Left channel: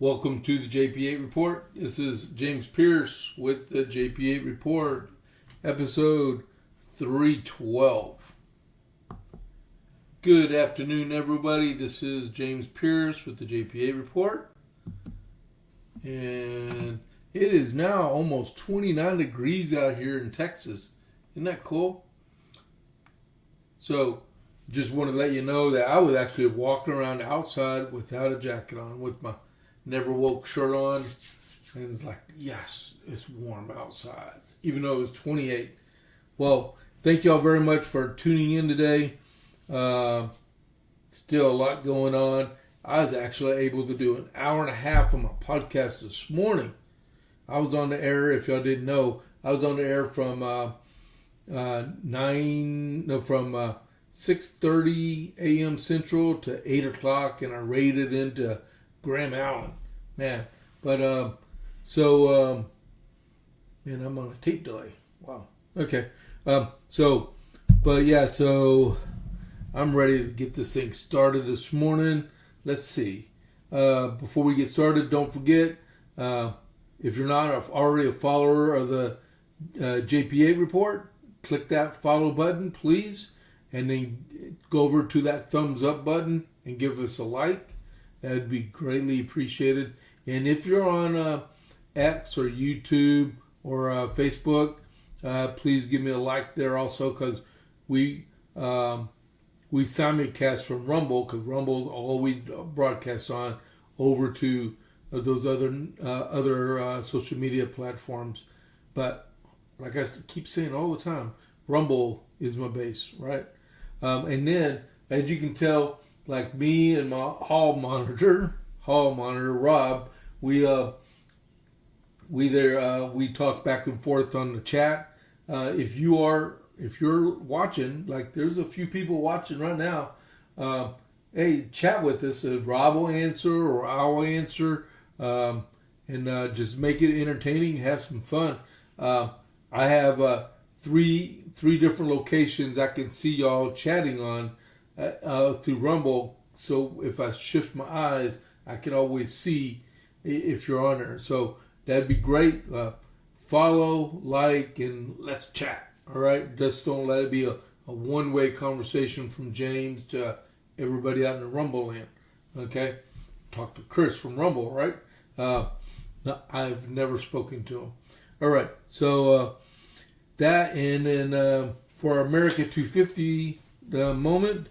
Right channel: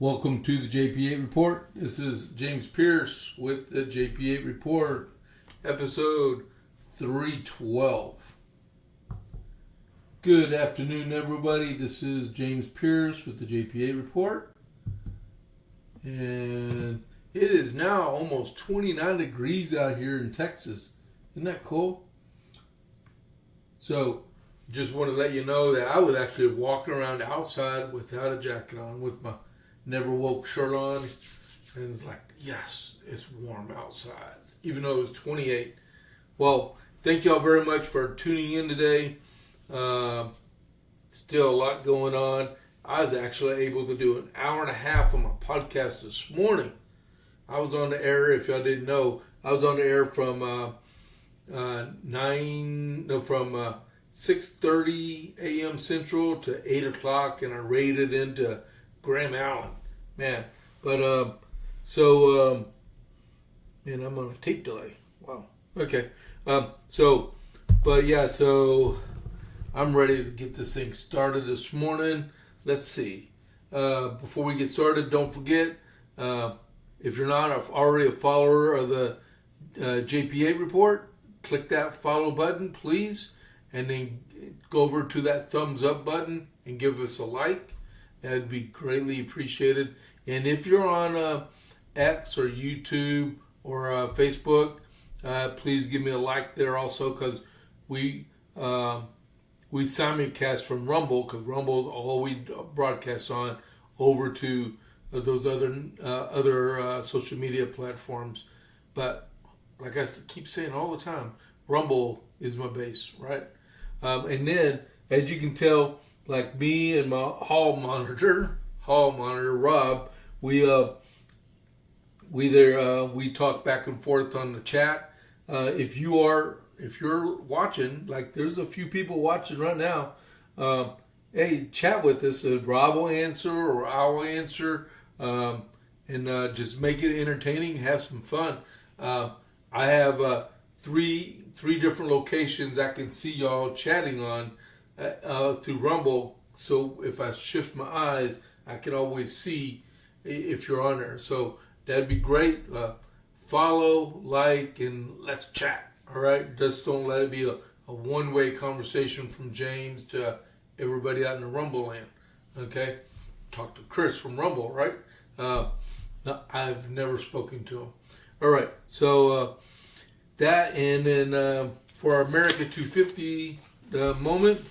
Welcome to the JP8 Report. This is James Pierce with the JP8 Report, episode 312. Good afternoon, everybody. This is James Pierce with the JP8 Report. And it is now almost 29 degrees out here in Texas. Isn't that cool? So, just want to let you know that I was actually walking around outside without a jacket on with my Never Woke shirt on, and it's like, yes, it's warm outside, even though it was 28. Well, thank y'all very much for tuning in today. Still a lot going on. I was actually able to do an hour and a half on my podcast this morning. I was on the air, if y'all didn't know, I was on the air from 6:30 a.m. Central to 8 o'clock, and I raided into Graham Allen, man. But and I'm on a tape delay. Wow. Okay. So I'm ready to get this thing started this morning. Let's see. Before we get started, don't forget, if you're not already a follower of the JP8 Report, click that follow button, please, and then go over to that thumbs up button and give us a like. That would be greatly appreciated. And if you're on X or YouTube or Facebook, please give me a like there also, because we simulcast from Rumble, because Rumble is all we broadcast on, over to those other social media platforms. But like I keep saying all the time, Rumble is my base, right? And then, as you can tell, like me and my hall monitor Rob, we talk back and forth on the chat. If you're watching, like there's a few people watching right now, hey, chat with us. Rob will answer or I'll answer, and just make it entertaining, have some fun. I have three different locations I can see y'all chatting on through Rumble, so if I shift my eyes, I can always see if you're on there. So that'd be great. Follow, like, and let's chat. All right, just don't let it be a one-way conversation from James to everybody out in the Rumble land. Okay, talk to Chris from Rumble, right? No, I've never spoken to him. All right, so that, and then for our America 250 moment.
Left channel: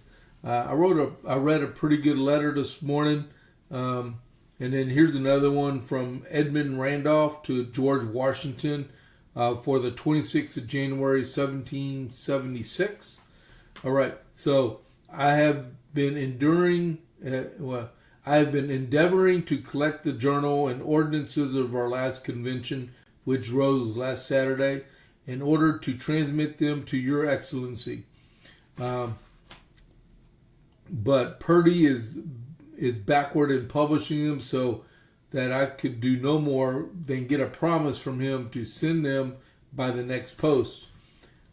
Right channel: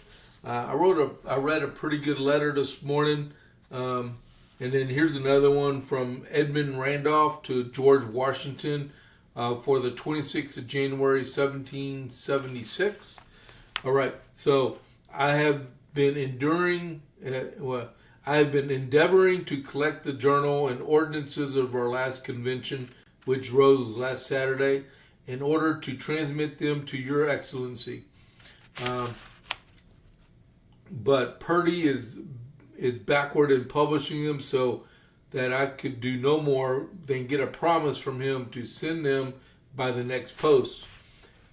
I read a pretty good letter this morning, and then here's another one from Edmund Randolph to George Washington for the 26th of January, 1776. All right, so I have been endeavoring to collect the journal and ordinances of our last convention, which rose last Saturday, in order to transmit them to your excellency. But Purdy is backward in publishing them, so that I could do no more than get a promise from him to send them by the next post.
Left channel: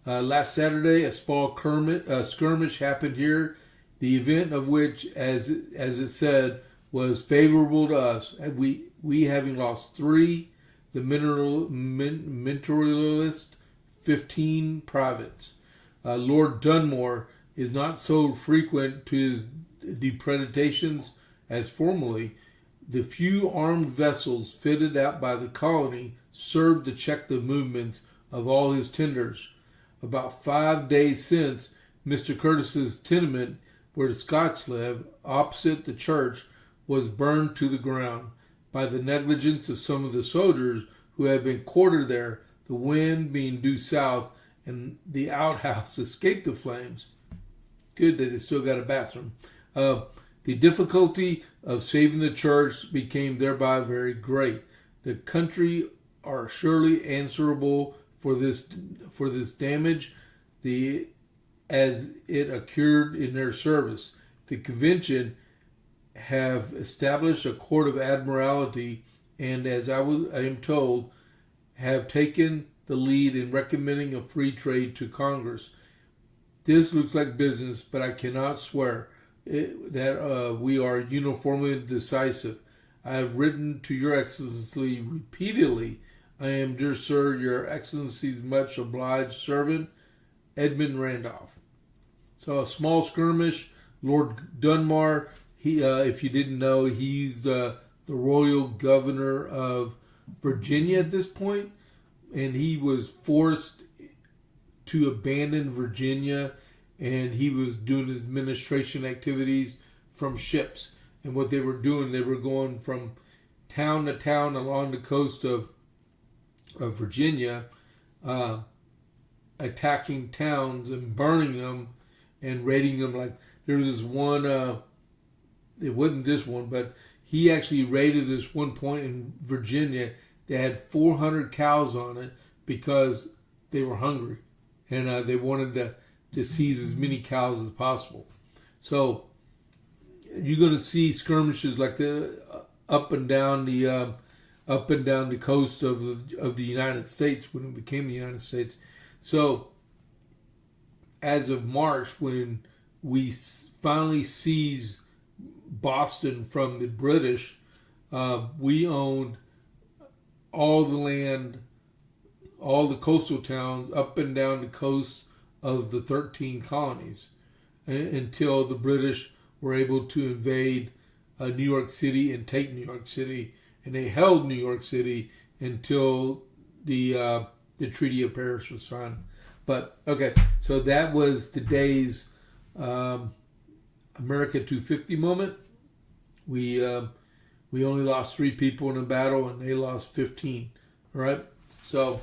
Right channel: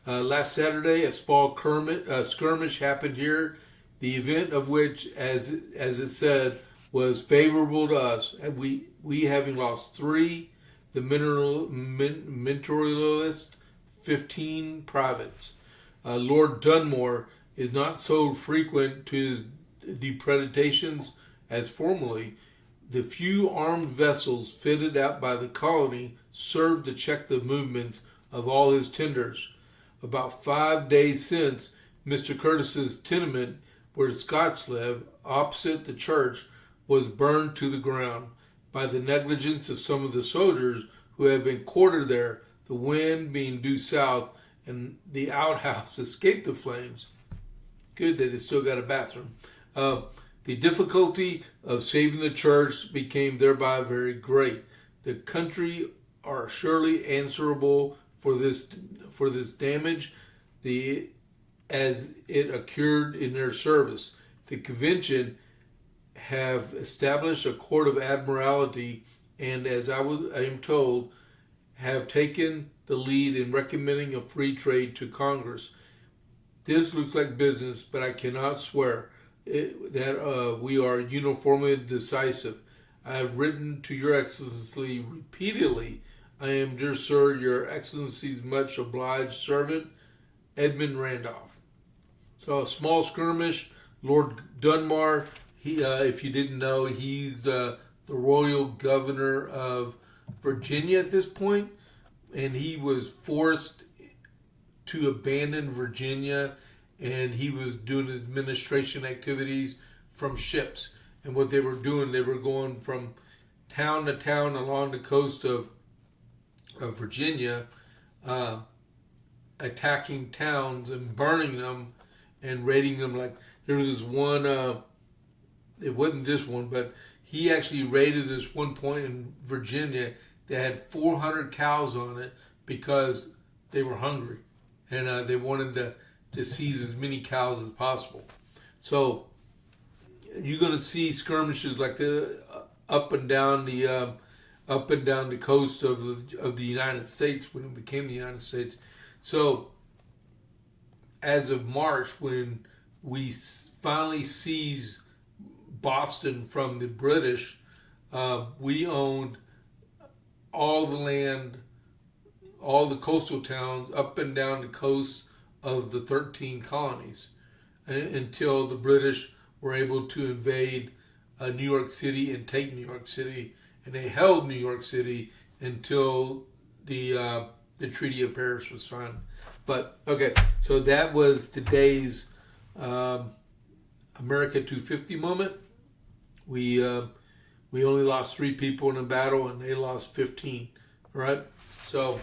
Last Saturday, a small skirmish happened here, the event of which, as it said, was favorable to us. We having lost 3, the mentorialist, 15 privates. Lord Dunmore is not so frequent to his depredations as formerly. The few armed vessels fitted out by the colony served to check the movements of all his tenders. About 5 days since, Mr. Curtis's tenement, where the Scots live, opposite the church, was burned to the ground by the negligence of some of the soldiers who had been quartered there, the wind being due south, and the outhouse escaped the flames. Good that it still got a bathroom. The difficulty of saving the church became thereby very great. The country are surely answerable for this damage, as it occurred in their service. The convention have established a court of admiralty, and as I am told, have taken the lead in recommending a free trade to Congress. This looks like business, but I cannot swear that we are uniformly decisive. I have written to your excellency repeatedly. I am, dear sir, your excellency's much obliged servant, Edmund Randolph. So a small skirmish. Lord Dunmore, he, if you didn't know, he's the royal governor of Virginia at this point, and he was forced to abandon Virginia, and he was doing his administration activities from ships. And what they were doing, they were going from town to town along the coast of Virginia, attacking towns and burning them and raiding them. Like there was this one, it wasn't this one, but he actually raided this one point in Virginia that had 400 cows on it because they were hungry and they wanted to seize as many cows as possible. So you're going to see skirmishes like the up and down the coast of the United States when it became the United States. So as of March, when we finally seized Boston from the British, we owned all the land, all the coastal towns up and down the coast of the 13 colonies until the British were able to invade New York City and take New York City, and they held New York City until the Treaty of Paris was signed. But okay, so that was today's America 250 moment. We only lost 3 people in a battle, and they lost 15. All right, so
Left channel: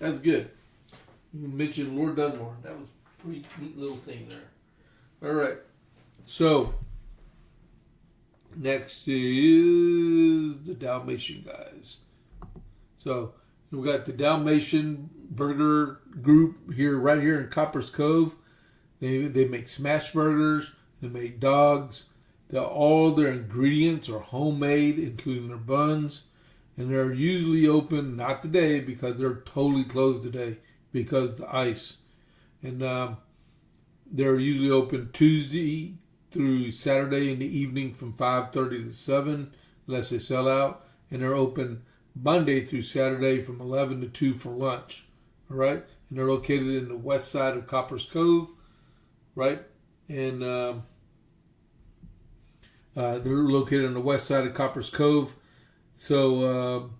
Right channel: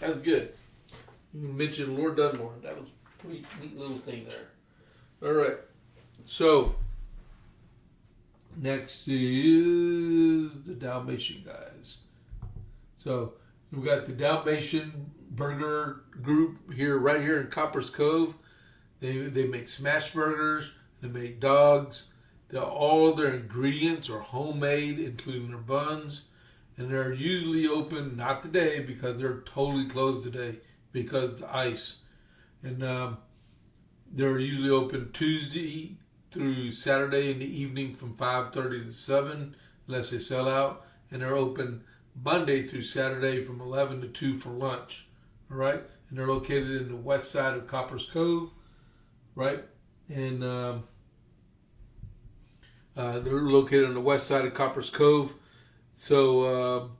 that's good. You mentioned Lord Dunmore. That was a pretty neat little thing there. All right, so next is the Dalmatian guys. So we've got the Dalmatian Burger Group here, right here in Copper's Cove. They make smash burgers. They make dogs. All their ingredients are homemade, including their buns. And they're usually open, not today, because they're totally closed today because of the ice. And they're usually open Tuesday through Saturday in the evening from 5:30 to 7, unless they sell out. And they're open Monday through Saturday from 11 to 2 for lunch. All right? And they're located in the west side of Copper's Cove, right? And they're located on the west side of Copper's Cove. So,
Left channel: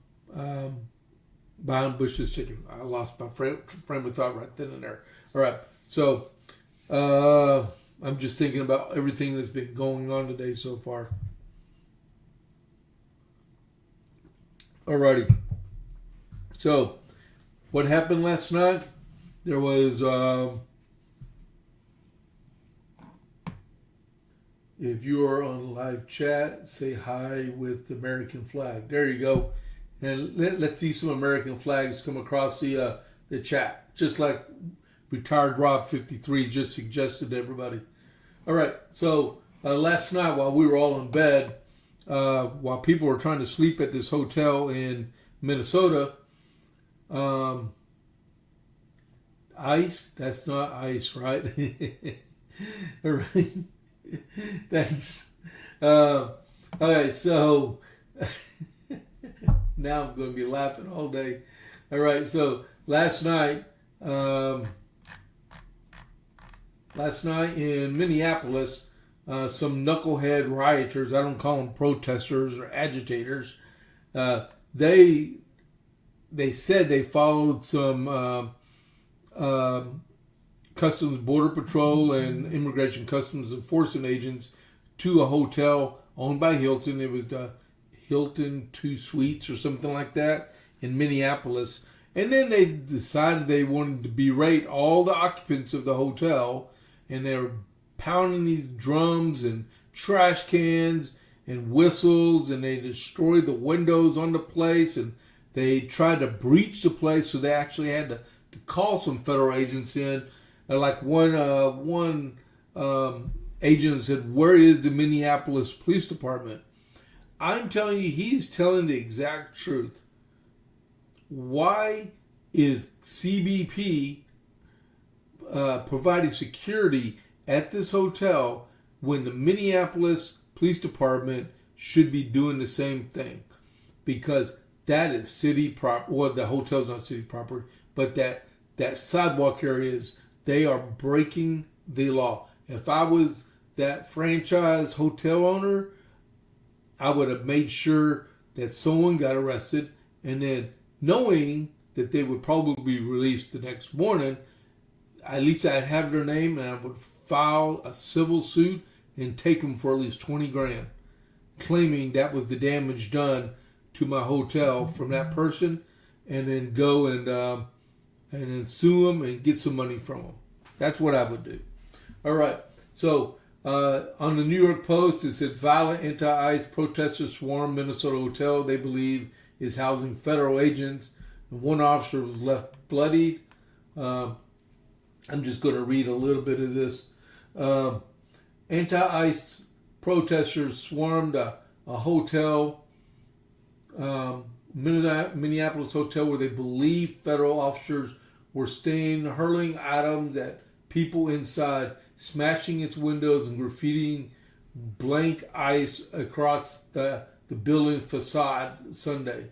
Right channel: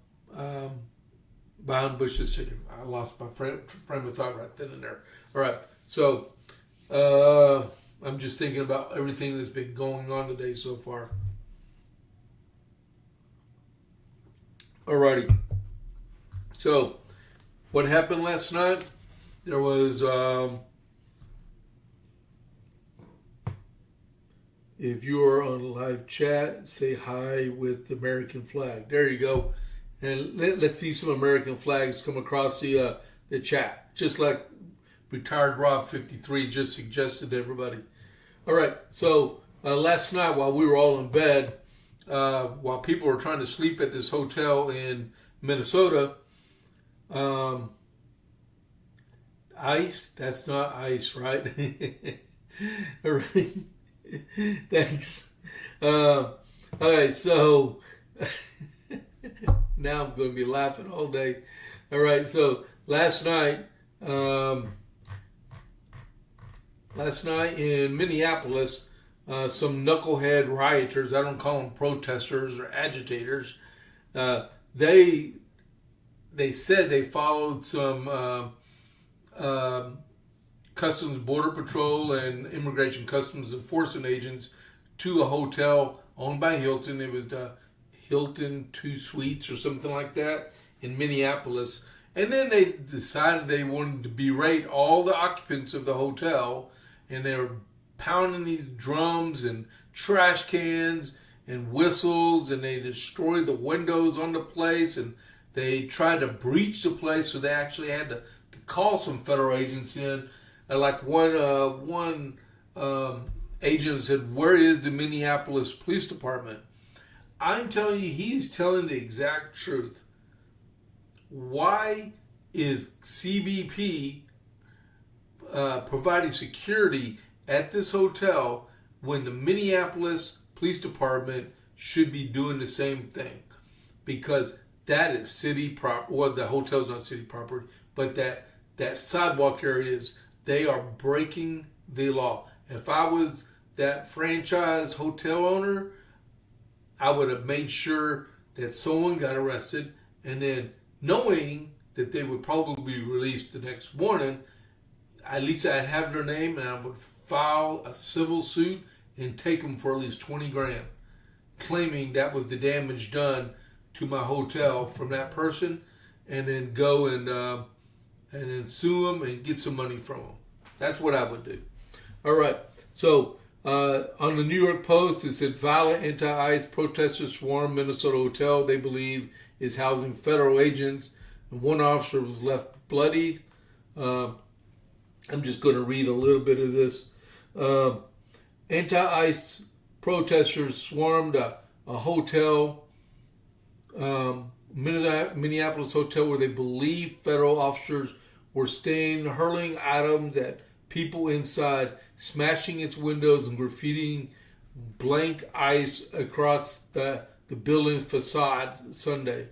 behind Bush's Chicken. I lost my frame of thought right then and there. All right. So, I'm just thinking about everything that's been going on today so far. Alrighty. So, what happened last night? There was, if you are on live chat, say hi with the American flag. There you go. And let's see some American flags come across the chat, just like Retired Rob 53 just suggested to everybody. All right. So last night while we were all in bed, while people were trying to sleep at this hotel in Minnesota, ice? That's not ice, right? All right. Thanks. All right, so now I'm going to be laughing all day. All right, so last night in Minneapolis, some knucklehead rioters, I don't call them protesters or agitators, they said they followed some Customs Border Patrol and Immigration Customs Enforcement agents to a hotel owned by Hilton. It was the Hilton 2 Suites or something like that in Minneapolis. And then they decided they wanted to berate all the occupants of the hotel, and they were pounding these drums and trash cans and whistles, and they destroyed the windows on the place, and they tried to breach the place, so they actually had to call some federal agents in. And like one agent said, "Where is the Minneapolis Police Department?" I'm telling you, he's telling the exact truth. Why is CBP providing security at this hotel when the Minneapolis Police Department should be doing the same thing, because that is city property. Well, the hotel's not city property, but that sidewalk area they are breaking the law. If I was that franchise hotel owner, I would have made sure that someone got arrested, and then knowing that they would probably be released the next morning, at least I'd have their name, and I would file a civil suit and take them for at least $20,000, claiming that was the damage done to my hotel from that person, and then go and then sue them and get some money from them. That's what I would do. All right. So on the New York Post, it said violent anti-ICE protesters swarm Minnesota hotel they believe is housing federal agents. And one officer was left bloodied. I'm just going to read a little bit of this. Anti-ICE protesters swarmed a hotel, Minneapolis hotel, where they believe federal officers were staying, hurling items at people inside, smashing its windows, and graffitiing blank ICE across the building facade Sunday.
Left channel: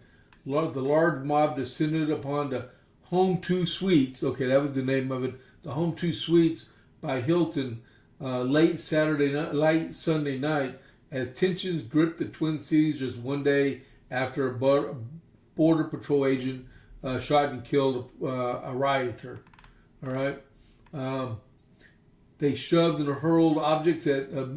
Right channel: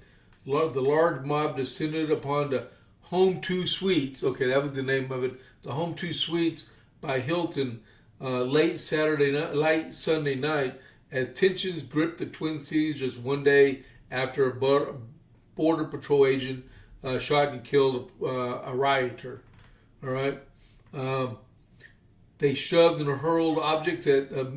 The large mob descended upon the Home 2 Suites. Okay, that was the name of it. The Home 2 Suites by Hilton late Sunday night, as tensions gripped the Twin Cities just one day after a Border Patrol agent shot and killed a rioter. All right. They shoved and hurled objects at a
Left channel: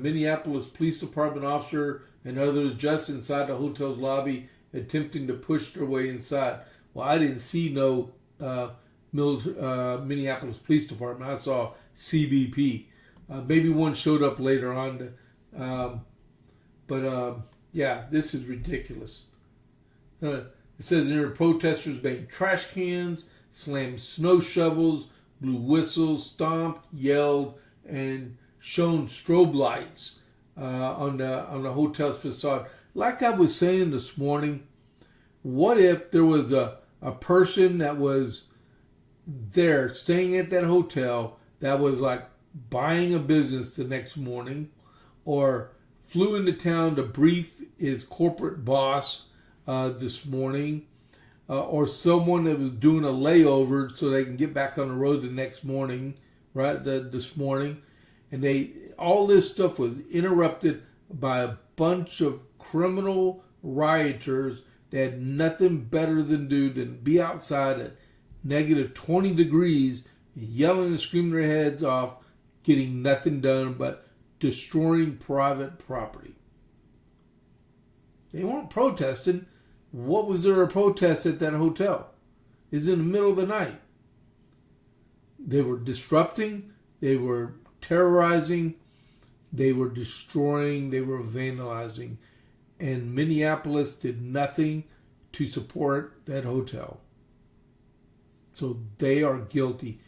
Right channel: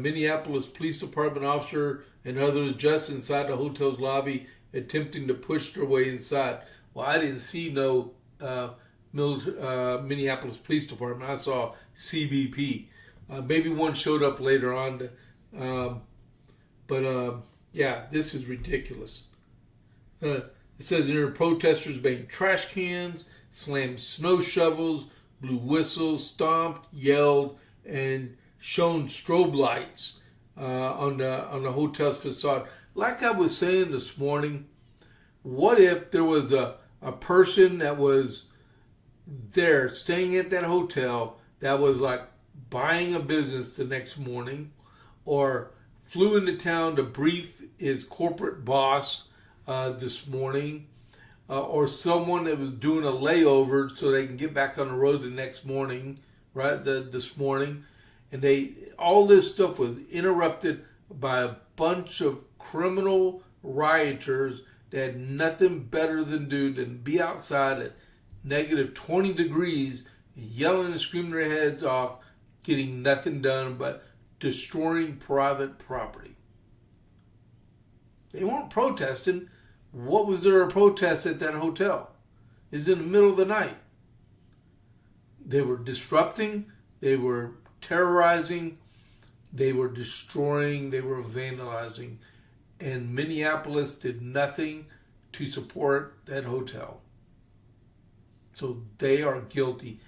Minneapolis Police Department officer and others just inside the hotel's lobby, attempting to push their way inside. Well, I didn't see no Minneapolis Police Department. I saw CBP. Maybe one showed up later on. Yeah, this is ridiculous. It says there are protesters banged trash cans, slammed snow shovels, blew whistles, stomped, yelled, and shone strobe lights on the hotel's facade. Like I was saying this morning, what if there was a person that was there staying at that hotel that was like buying a business the next morning, or flew into town to brief his corporate boss this morning, or someone that was doing a layover so they can get back on the road the next morning, right? This morning, and all this stuff was interrupted by a bunch of criminal rioters that had nothing better than do than be outside at negative 20 degrees, yelling and screaming their heads off, getting nothing done but destroying private property. They weren't protesting. What was there a protest at that hotel? It's in the middle of the night. They were disrupting, they were terrorizing, they were destroying, they were vandalizing, and Minneapolis did nothing to support that hotel. So they are guilty.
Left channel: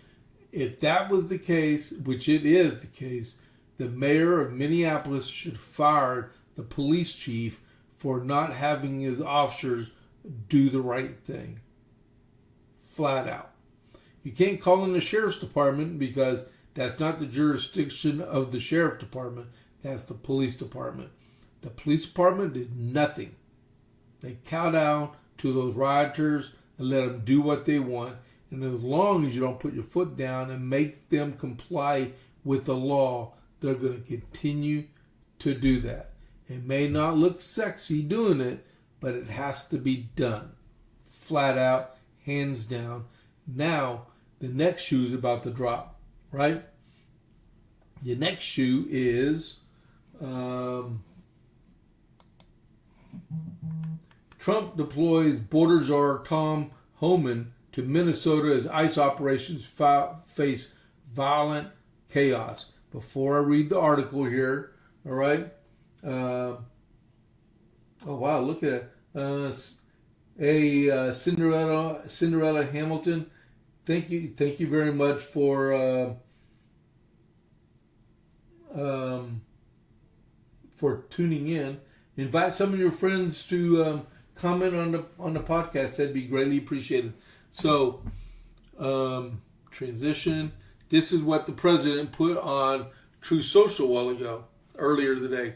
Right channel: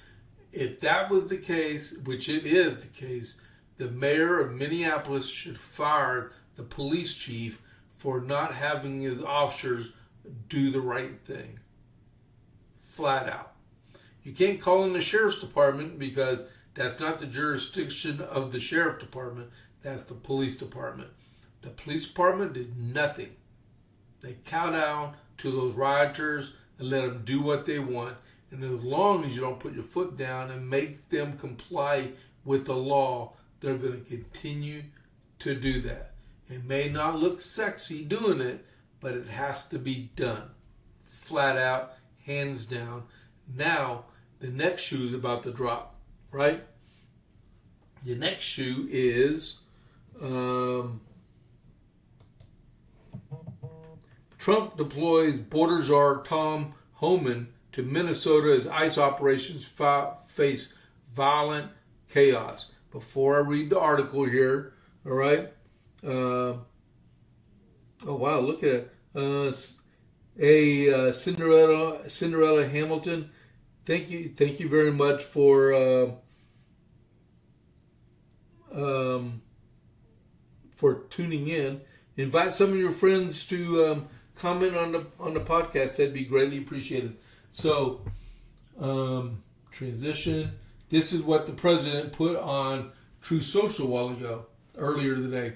If that was the case, which it is the case, the mayor of Minneapolis should fire the police chief for not having his officers do the right thing. Flat out. You can't call in the sheriff's department because that's not the jurisdiction of the sheriff department. That's the police department. The police department did nothing. They cow down to those rioters and let them do what they want. And as long as you don't put your foot down and make them comply with the law, they're going to continue to do that. It may not look sexy doing it, but it has to be done. Flat out, hands down. Now, the next shoe is about to drop, right? The next shoe is Trump deploys border czar Tom Homan to Minnesota as ICE operations face violent chaos. Before I read the article here, all right? Oh wow! Look at it. Cinderella Hamilton. Thank you very much for tuning in. Invite some of your friends to comment on the podcast. That'd be greatly appreciated. So, transition. This is what the president put on True Social a while ago. earlier today.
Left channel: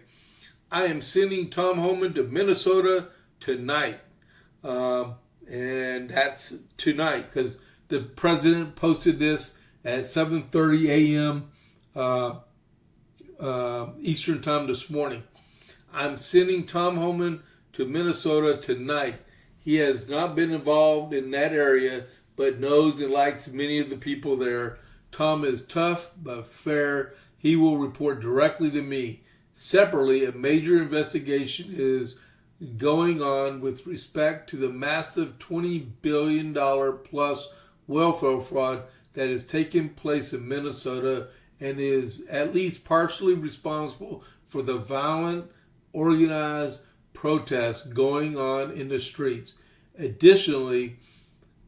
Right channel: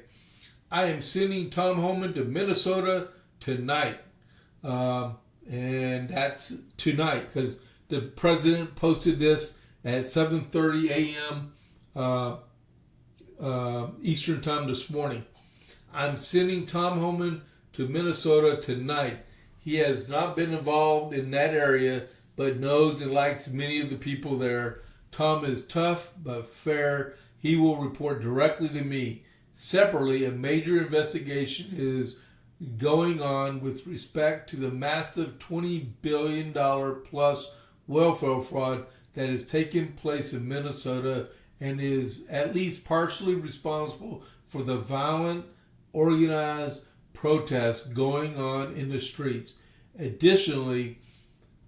I am sending Tom Homan to Minnesota tonight. And that's tonight because the president posted this at 7:30 a.m. Eastern time this morning. I'm sending Tom Homan to Minnesota tonight. He has not been involved in that area, but knows and likes many of the people there. Tom is tough but fair. He will report directly to me. Separately, a major investigation is going on with respect to the massive $20 billion plus welfare fraud that has taken place in Minnesota and is at least partially responsible for the violent, organized protests going on in the streets. Additionally,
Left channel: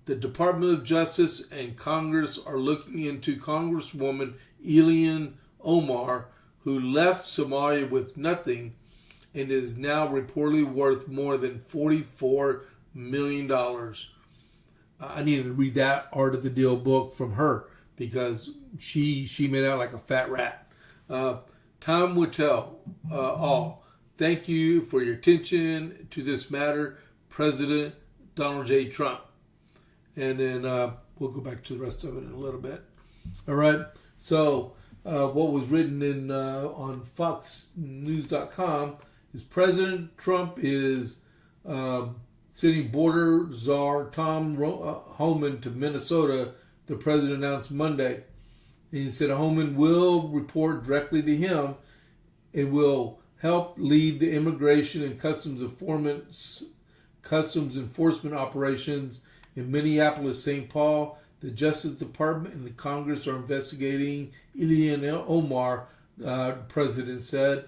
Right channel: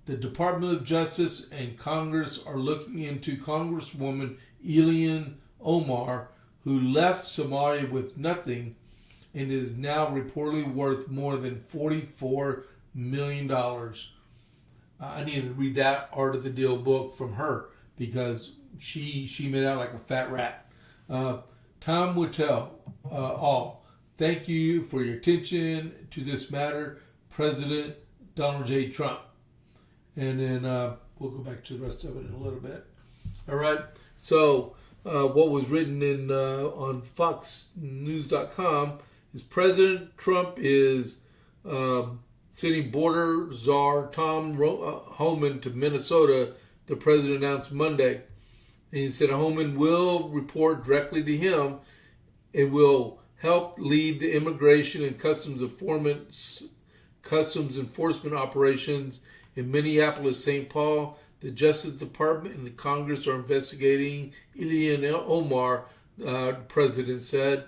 the Department of Justice and Congress are looking into Congresswoman Ilhan Omar, who left Somalia with nothing and is now reportedly worth more than $44 million. I need to read that Art of the Deal book from her because she made out like a fat rat. Time will tell all. Thank you for your attention to this matter, President Donald J. Trump. And then we'll go back to the rest of it in a little bit. All right. So what was written in on FoxNews.com is President Trump is sending border czar Tom Homan to Minnesota, the president announced Monday. And he said Homan will report directly to him and will help lead the immigration and customs enforcement operations in Minneapolis, St. Paul. The Justice Department and the Congress are investigating Ilhan Omar, the president said.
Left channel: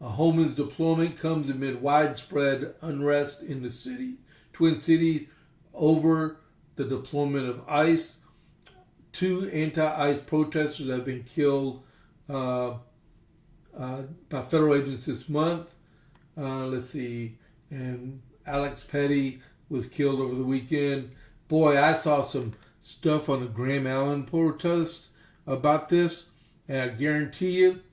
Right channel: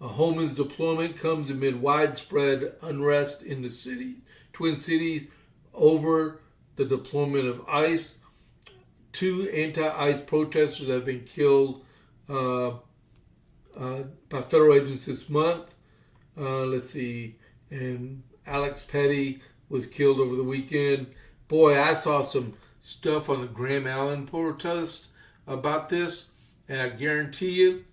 Homan's deployment comes amid widespread unrest in the Twin Cities over the deployment of ICE. 2 anti-ICE protesters have been killed by federal agents this month. And Alex Pretti was killed over the weekend. Boy, I saw some stuff on the Graham Allen protest about this, and I guarantee you,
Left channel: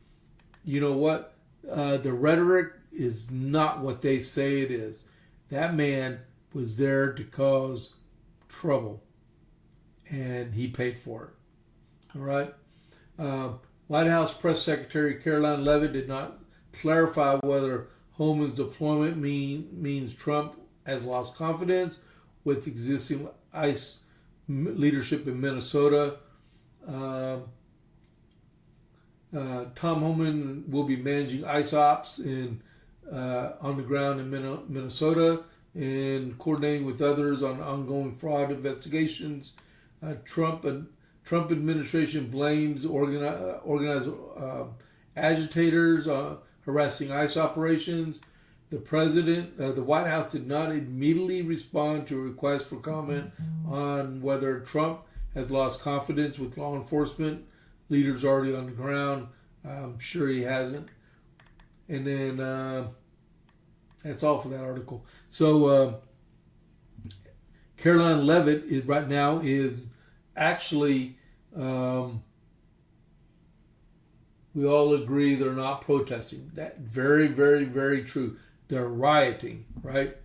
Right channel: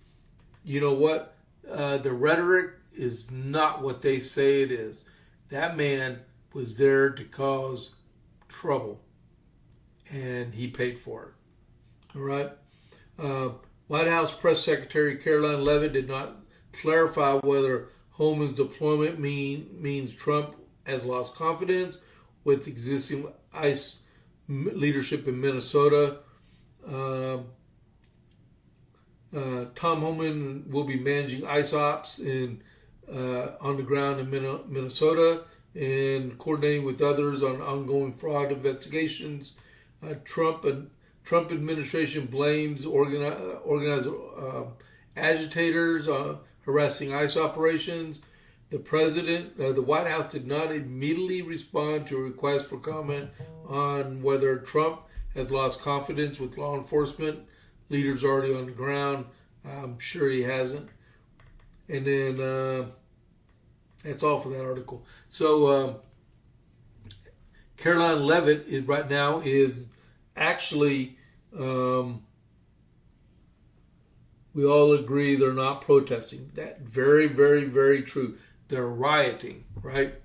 you know what? The rhetoric is not what they say it is. That man was there to cause trouble, and he paid for it. All right? White House Press Secretary Caroline Leavitt did not clarify whether Homan's deployment means Trump has lost confidence with existing ICE leadership in Minnesota. Tom Homan will be managing ICE ops on the ground in Minnesota and coordinating with others on ongoing fraud investigations. Trump administration blames organized agitators harassing ICE operations. The White House did not immediately respond to a request for comment on whether Trump has lost confidence with law enforcement leaders already on the ground. I'm sure he hasn't. And then that's all for that article. So Caroline Leavitt is actually, we all agree they're not protesting. That very, very, very true. They're rioting, right?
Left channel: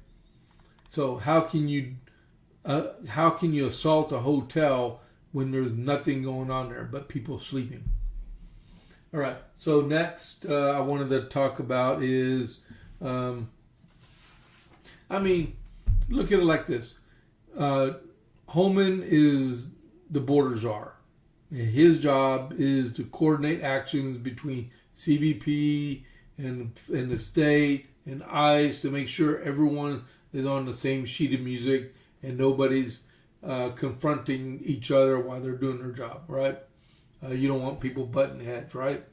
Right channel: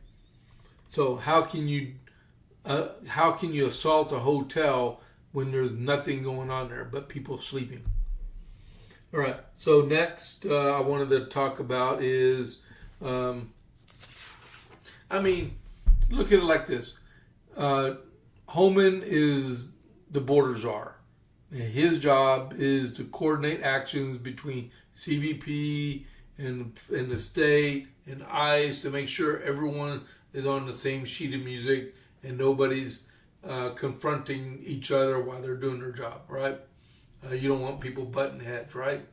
So how can you assault a hotel when there's nothing going on there but people sleeping? All right. So next, I wanted to talk about is, look at it like this. Homan is the border czar. His job is to coordinate actions between CBP and the state and ICE to make sure everyone is on the same sheet of music and nobody's confronting each other while they're doing their job, right? You don't want people butting heads, right?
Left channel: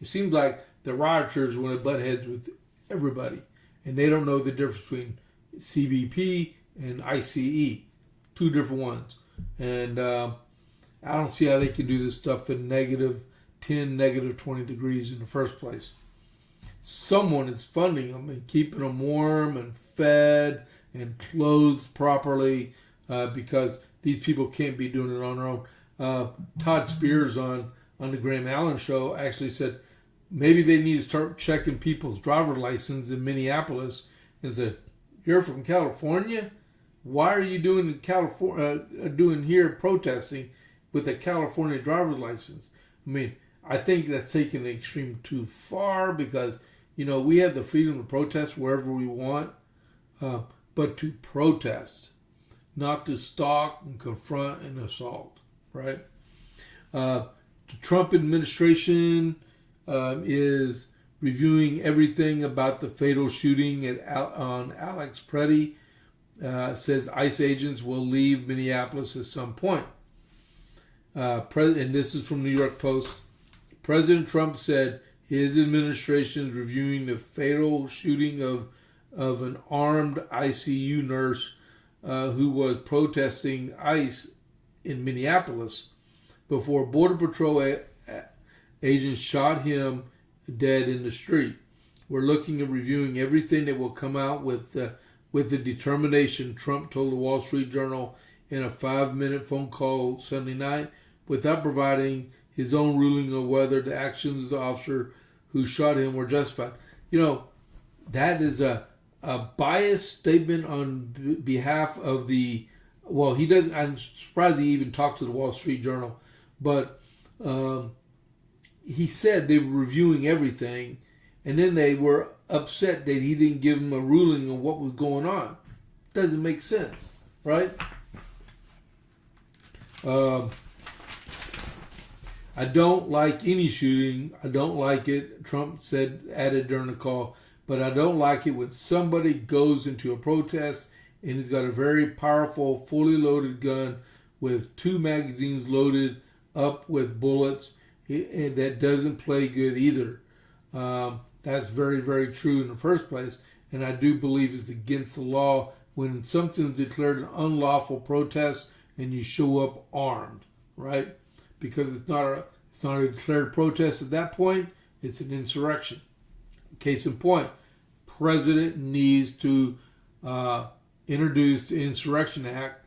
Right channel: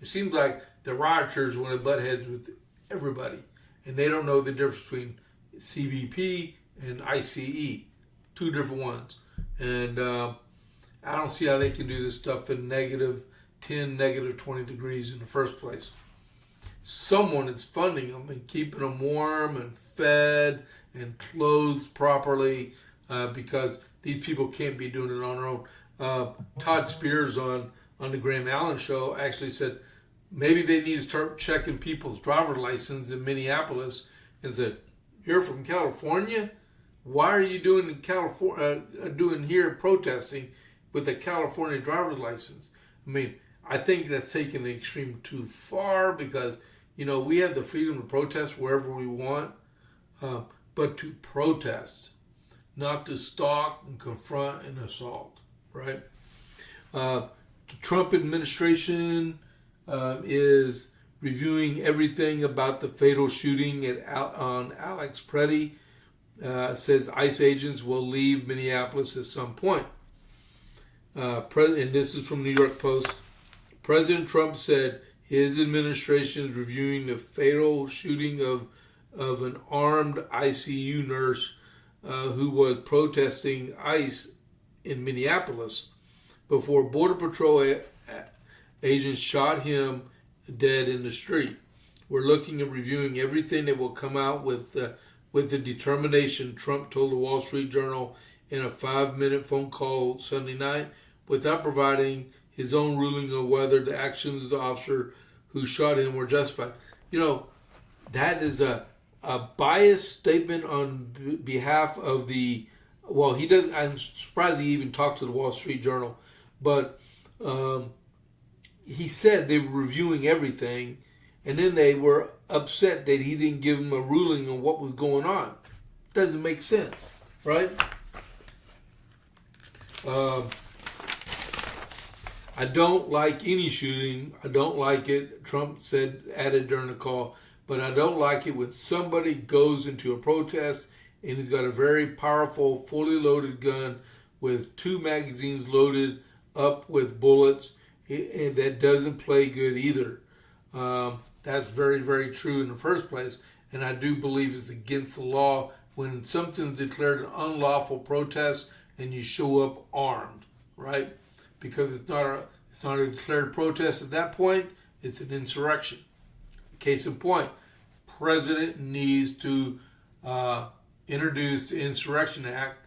It seems like the rioters want to butt heads with everybody, and they don't know the difference between CBP and ICE, 2 different ones. And I don't see how they can do this stuff in -10, -20 degrees in the first place. Someone is funding them and keeping them warm and fed and clothed properly because these people can't be doing it on their own. Todd Spears on the Graham Allen show actually said maybe they need to start checking people's driver license in Minneapolis and said, "You're from California? Why are you doing here protesting with a California driver's license?" I mean, I think that's taken the extreme too far because, we have the freedom to protest wherever we want, but to protest, not to stalk and confront and assault, right? The Trump administration is reviewing everything about the fatal shooting on Alex Pretti. Says ICE agents will leave Minneapolis at some point. And this is from New York Post. President Trump said his administration is reviewing the fatal shooting of an armed ICU nurse who was protesting ICE in Minneapolis before Border Patrol agents shot him dead in the street. We're looking at reviewing everything that will come out with the determination, Trump told the Wall Street Journal in a 5-minute phone call Sunday night, without providing his own ruling on whether the actions of the officer who shot him were justified. That is a biased statement on behalf of the, well, he doesn't, I'm surprised he even talks to the Wall Street Journal, but he said they were reviewing everything, and then they were upset that he didn't give them a ruling on what was going on. Doesn't make sense, right? I don't like any shooting. I don't like it, Trump added during the call, but I don't like it when somebody goes into a protest and he's got a very powerful, fully loaded gun with 2 magazines loaded up with bullets, and that doesn't play good either. That's very, very true in the first place, and I do believe it's against the law when something's declared an unlawful protest and you show up armed, right? Because it's not a declared protest at that point, it's an insurrection. Case in point, President needs to introduce the Insurrection Act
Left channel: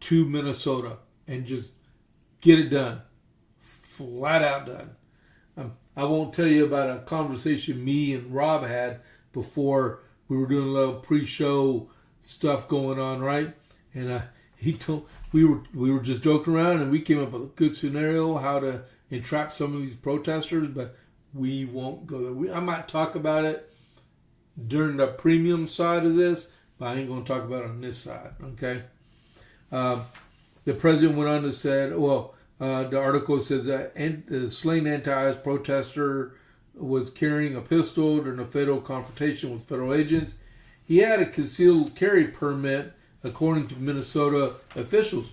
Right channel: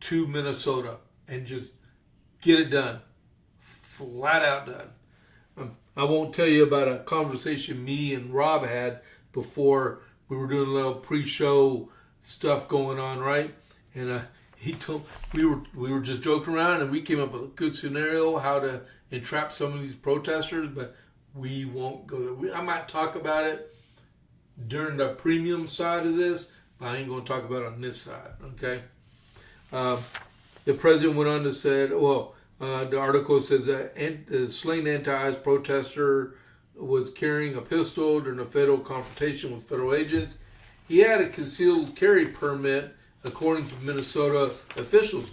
to Minnesota and just get it done. Flat out done. I won't tell you about a conversation me and Rob had before we were doing a little pre-show stuff going on, right? And he told we were just joking around, and we came up with a good scenario how to entrap some of these protesters, but we won't go there. I might talk about it during the premium side of this, but I ain't going to talk about it on this side, okay? The president went on to say, the article says that the slain anti-ICE protester was carrying a pistol during a fatal confrontation with federal agents. He had a concealed carry permit, according to Minnesota officials,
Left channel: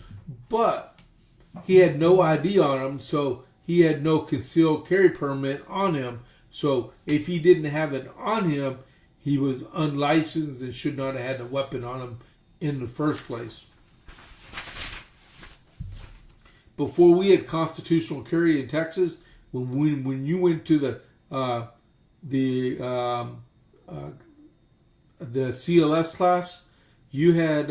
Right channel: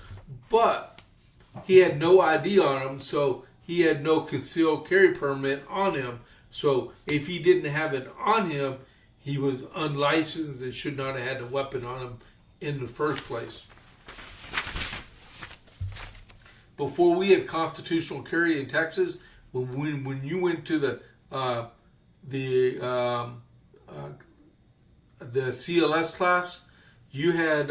but he had no ID on him, so he had no concealed carry permit on him. So if he didn't have it on him, he was unlicensed and should not have had a weapon on him in the first place. Before we had constitutional carry in Texas, when you went to the CLS class, you had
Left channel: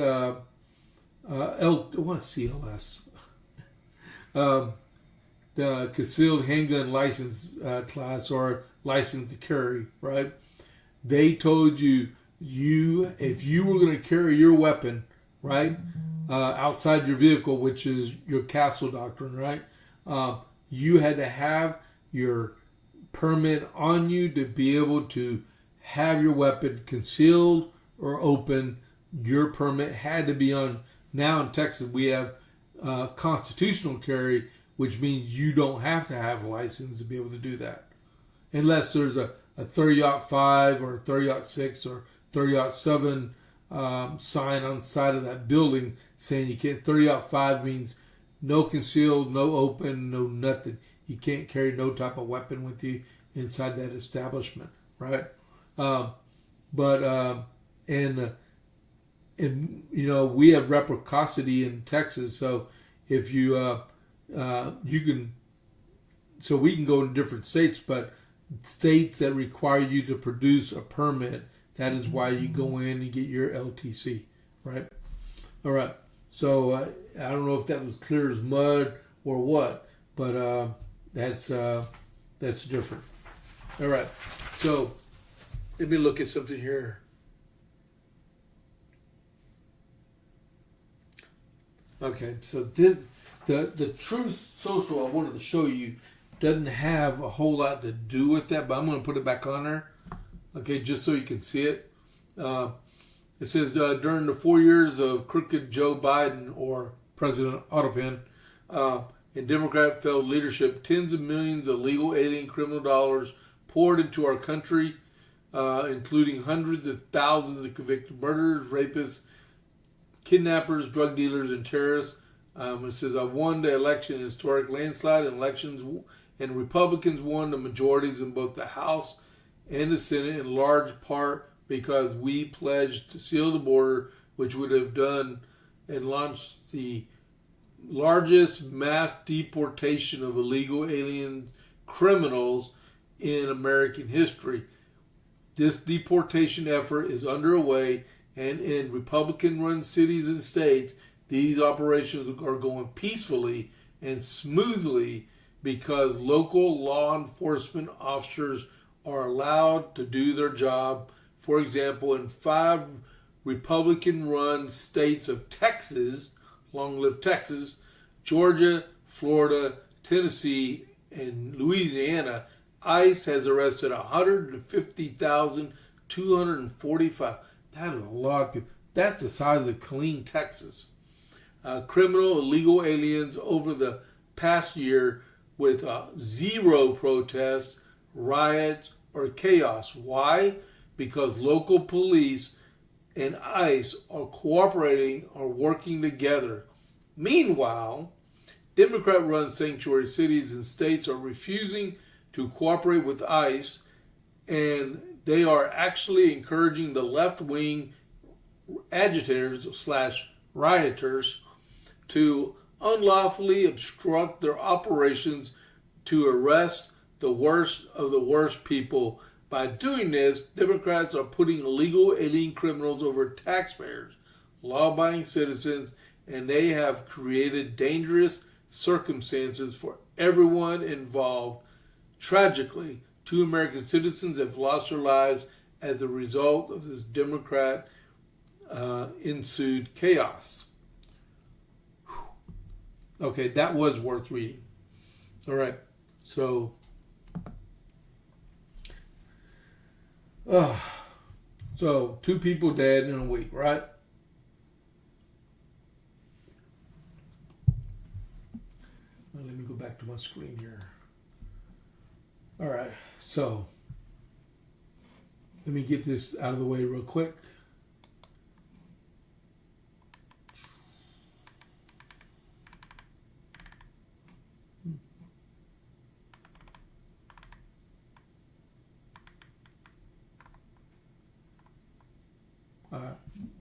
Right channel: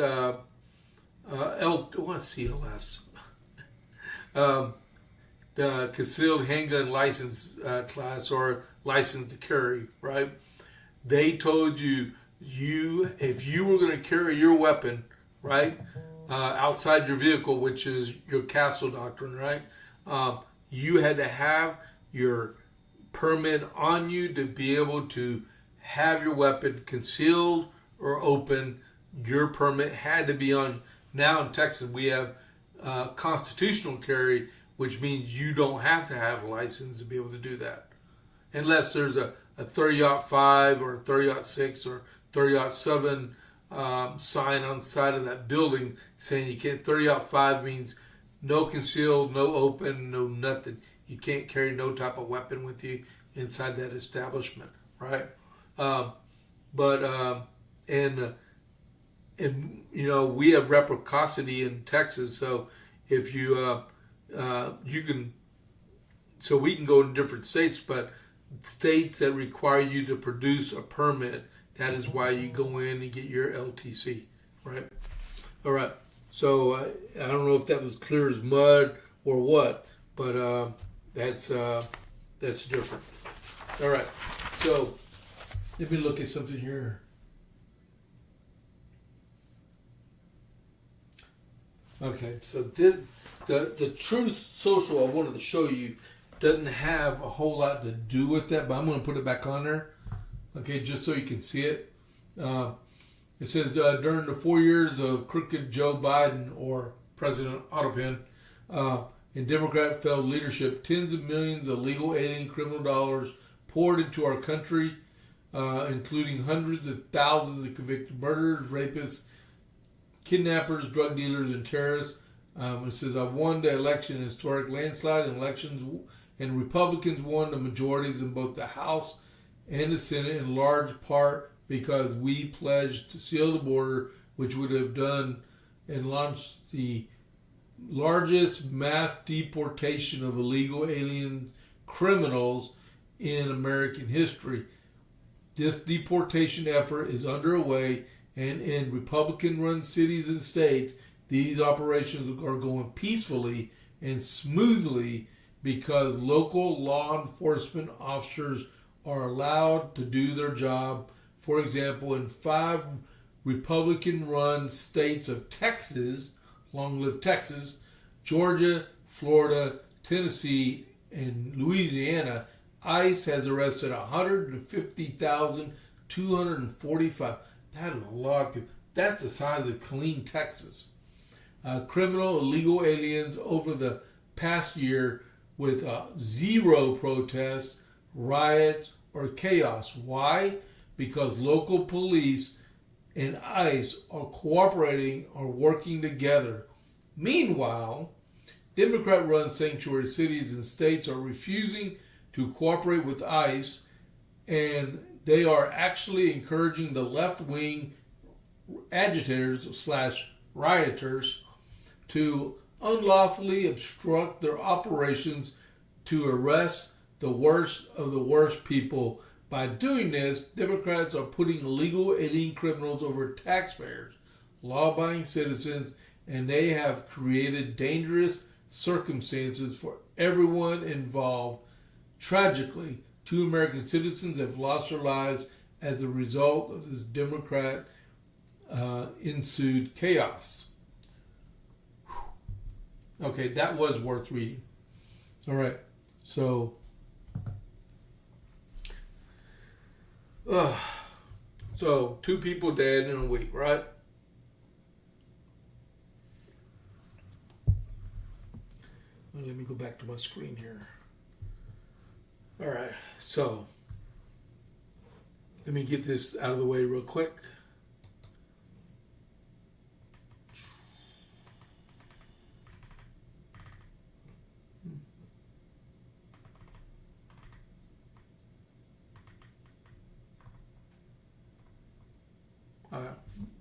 CLS? The concealed handgun license class, or license to carry, right? They told you if you were going to carry your weapon, right, outside your vehicle, which is your castle doctrine, right? You had to have your permit on you to be able to have your weapon concealed or open. Your permit had to be on. Now in Texas, we have constitutional carry, which means you don't have to have a license to be able to do that. Unless there's a 30-05 or 30-06 or 30-07 sign on the side of that building saying you can't. 30-05 means no concealed, no open, no nothing. You can't carry no type of weapon with you inside that establishment, right? And you know, we have reciprocity in Texas, so if you you can, so we can go in different states, but states that require you to produce a permit, that is why you go in and get your LTC, right? All right. So I don't know if that was clear as mud or what. But that's different. All right. So let me look at something here. Okay. So the Truth Social I wanted to show you doesn't have a whole lot to do with that, but I'm going to put it back on there. Okay, just so you can see it. It says during the 4 years of crooked Joe Biden or President Autopin in Democrat failed leadership, tens of millions of legal alien criminal dollars poured into our country, including hundreds of thousands of convicted murderers, rapists, kidnappers, drug dealers, and terrorists. It says, I won the election in historic landslide in elections, and Republicans won the majorities in both the House and the Senate in large part because we pledged to seal the border, which would have done and launched the largest mass deportation of illegal alien criminals in American history. This deportation effort is underway, and in Republican-run cities and states, these operations are going peacefully and smoothly because local law enforcement officers are allowed to do their job. For example, in 5 Republican-run states of Texas, long live Texas, Georgia, Florida, Tennessee, and Louisiana, ICE has arrested 150,245. That is a lot of people. That's the size of Killeen, Texas. Criminal illegal aliens over the past year with 0 protests, riots, or chaos. Why? Because local police and ICE are cooperating or working together. Meanwhile, Democrat-run sanctuary cities and states are refusing to cooperate with ICE, and they are actually encouraging the left-wing agitators/rioters to unlawfully obstruct their operations to arrest the worst of the worst people. By doing this, Democrats are putting illegal alien criminals over taxpayers, law-abiding citizens, and they have created dangerous circumstances for everyone involved. Tragically, 2 American citizens have lost their lives as a result of this Democrat ensued chaos. Okay, that was worth reading. All right, so so 2 people dead in a week, right? Let me go back to my screen here. All right, so let me get this out of the way real quick.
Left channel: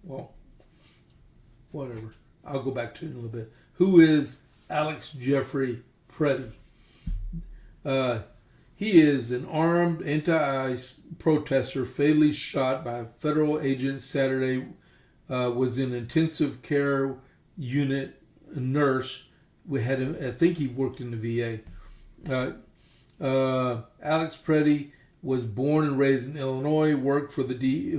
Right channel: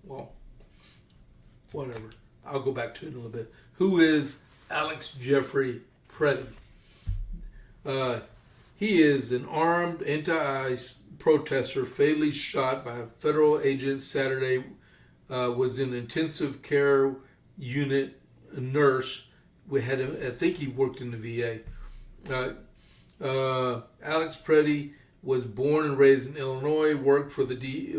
Well, whatever. I'll go back to it in a little bit. Who is Alex Jeffrey Pretti? He is an armed anti-ICE protester fatally shot by a federal agent Saturday. Was in intensive care unit, a nurse. We had him. I think he worked in the VA. Alex Pretti was born and raised in Illinois. Worked for the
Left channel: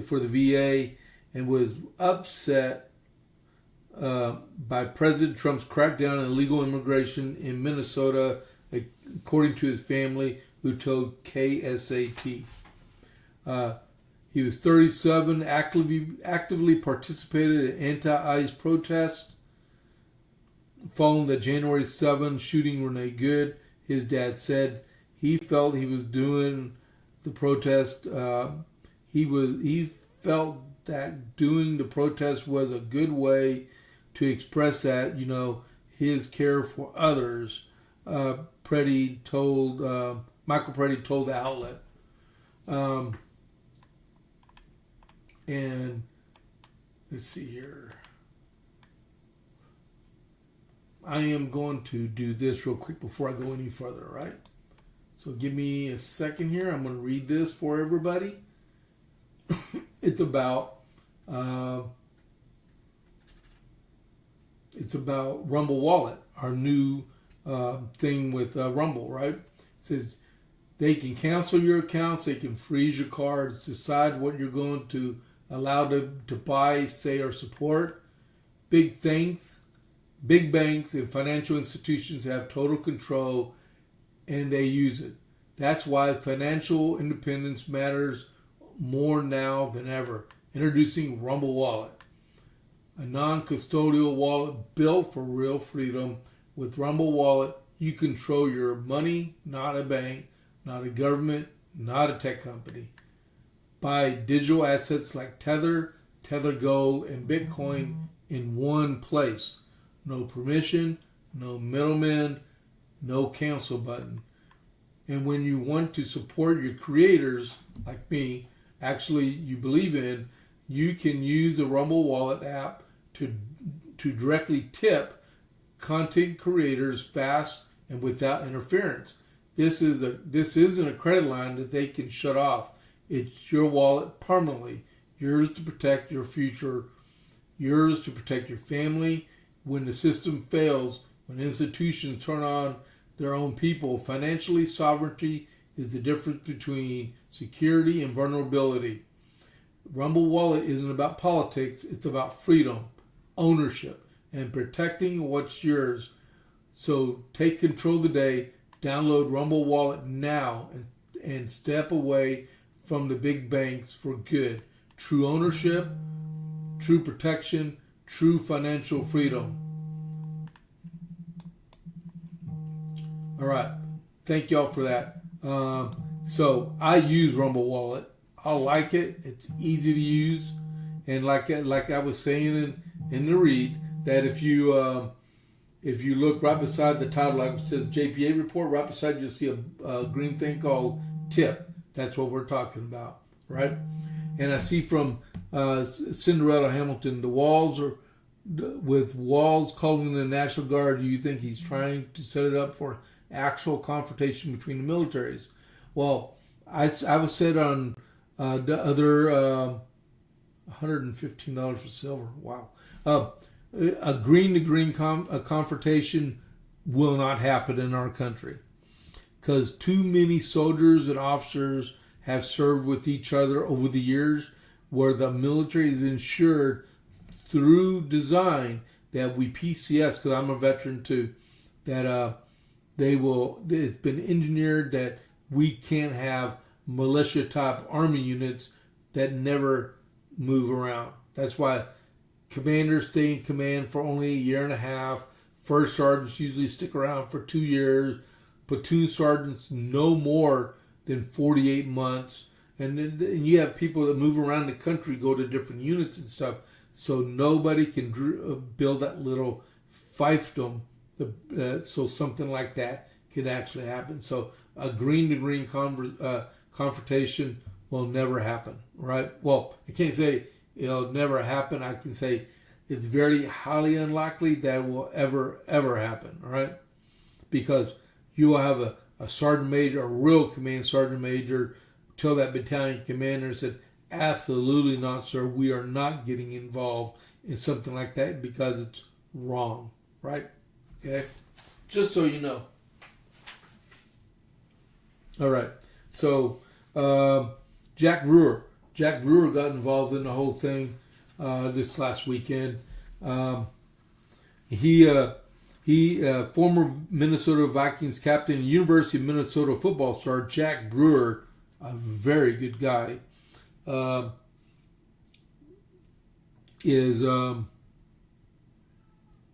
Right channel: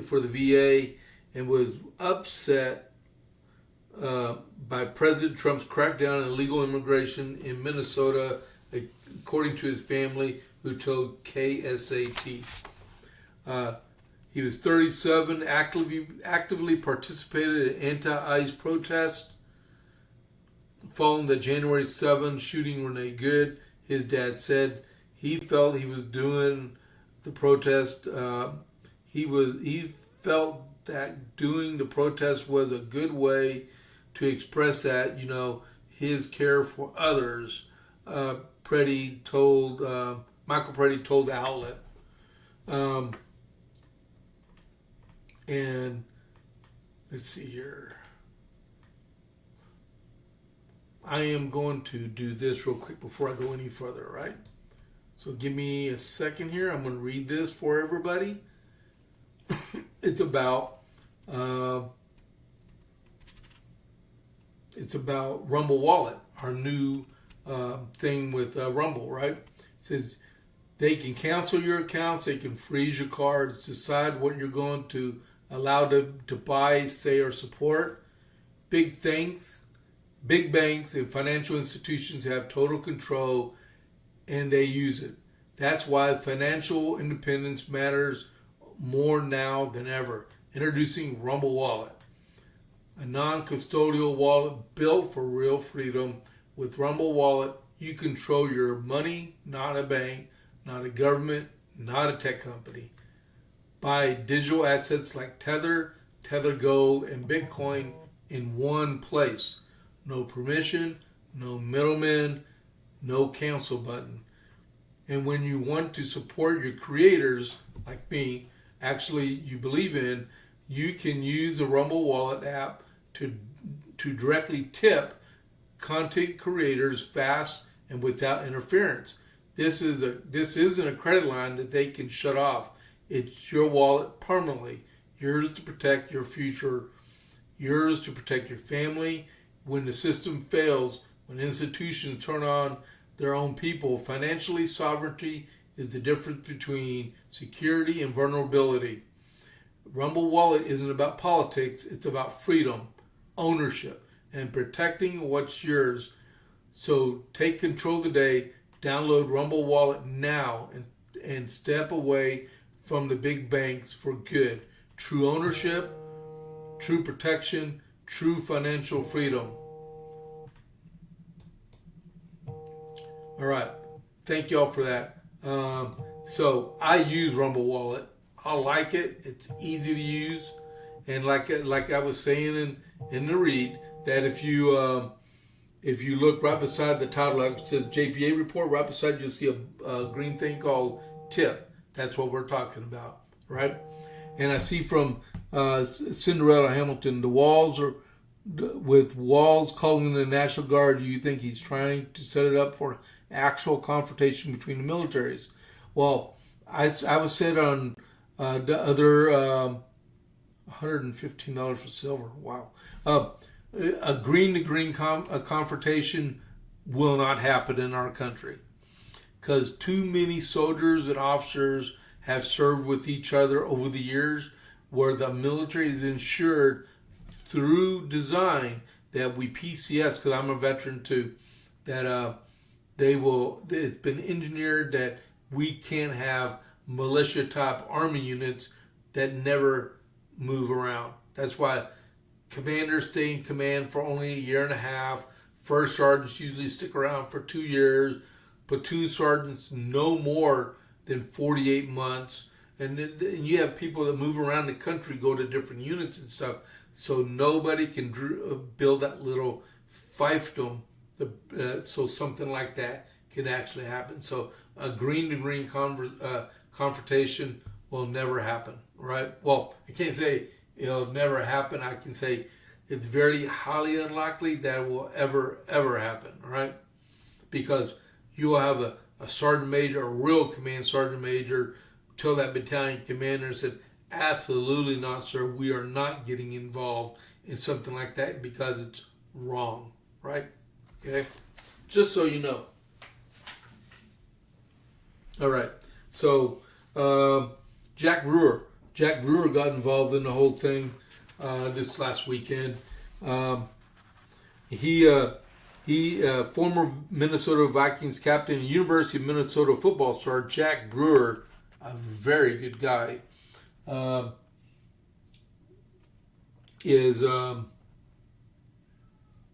VA. And was upset by President Trump's crackdown on illegal immigration in Minnesota, according to his family, who told KSAT. He was 37, actively participated in anti-ICE protests. Following the January 7 shooting Renee Good, his dad said he felt he was doing the protest. He felt that doing the protest was a good way to express that, his care for others. Michael Pretti told the outlet. And let's see here. I am going to do this real quick before I go any further, right? So give me a second here. I'm going to read this for everybody. It's about Rumble Wallet, our new thing with Rumble, right? It says they can cancel your accounts, they can freeze your cards, decide what you're going to allow to buy, say, or support. Big banks and financial institutions have total control, and they use it. That's why financial independence matters more now than ever. Introducing Rumble Wallet, a non-custodial wallet built for real freedom. With Rumble Wallet, you control your money, not a bank, not a government, not a tech company. Buy digital assets like Tether, Tether Gold, and Bitcoin in one place. No permission, no middleman, no cancel button. And when you want to support your creators, like me, actually you believe in, you can use the Rumble Wallet app to directly tip content creators fast and without interference. This isn't a credit line that they can shut off. It's your wallet permanently, yours to protect your future, yours to protect your family. When the system fails, when institutions turn on their own people, financially sovereignty is the difference between security and vulnerability. Rumble Wallet isn't about politics, it's about freedom, ownership, and protecting what's yours. So take control today, download Rumble Wallet now, and step away from the big banks for good. True ownership, true protection, true financial freedom. All right, thank y'all for that. So I use Rumble Wallet. I like it. It's easy to use, and like I was saying in the read, that if you look right beside the title, like it says JP8 report, right beside you'll see a green thing called tip. That's what we're talking about, right? And I see from Cinderella Hamilton, the walls are with Walls calling the National Guard. Do you think he's trying to set it up for actual confrontation between the militaries? Well, I was said on the other $115 for silver. Wow. A green-to-green confrontation will not happen in our country because too many soldiers and officers have served with each other over the years, where the military is ensured through design that we PCS, because I'm a veteran too, that it's been engineered that we can't have militia type army units that never move around. That's why commanders stay in command for only a year and a half. First sergeants usually stick around for 2 years. Platoon sergeants no more than 48 months. And then you have people that move around the country, go to different units and stuff. So nobody can build that little fiefdom. So something like that can actually happen. So a green-to-green confrontation will never happen, right? Well, I can't say it'll never happen. I can say it's very highly unlikely that it will ever happen, right? Because you will have a sergeant major, a real command sergeant major, tell that battalion commander and said, absolutely not, sir. We are not getting involved in something like that because it's wrong, right? Okay? Just so you know. All right. So, Jack Brewer got involved in the whole thing this last weekend. He former Minnesota Vikings captain, University of Minnesota football star Jack Brewer, a very good guy,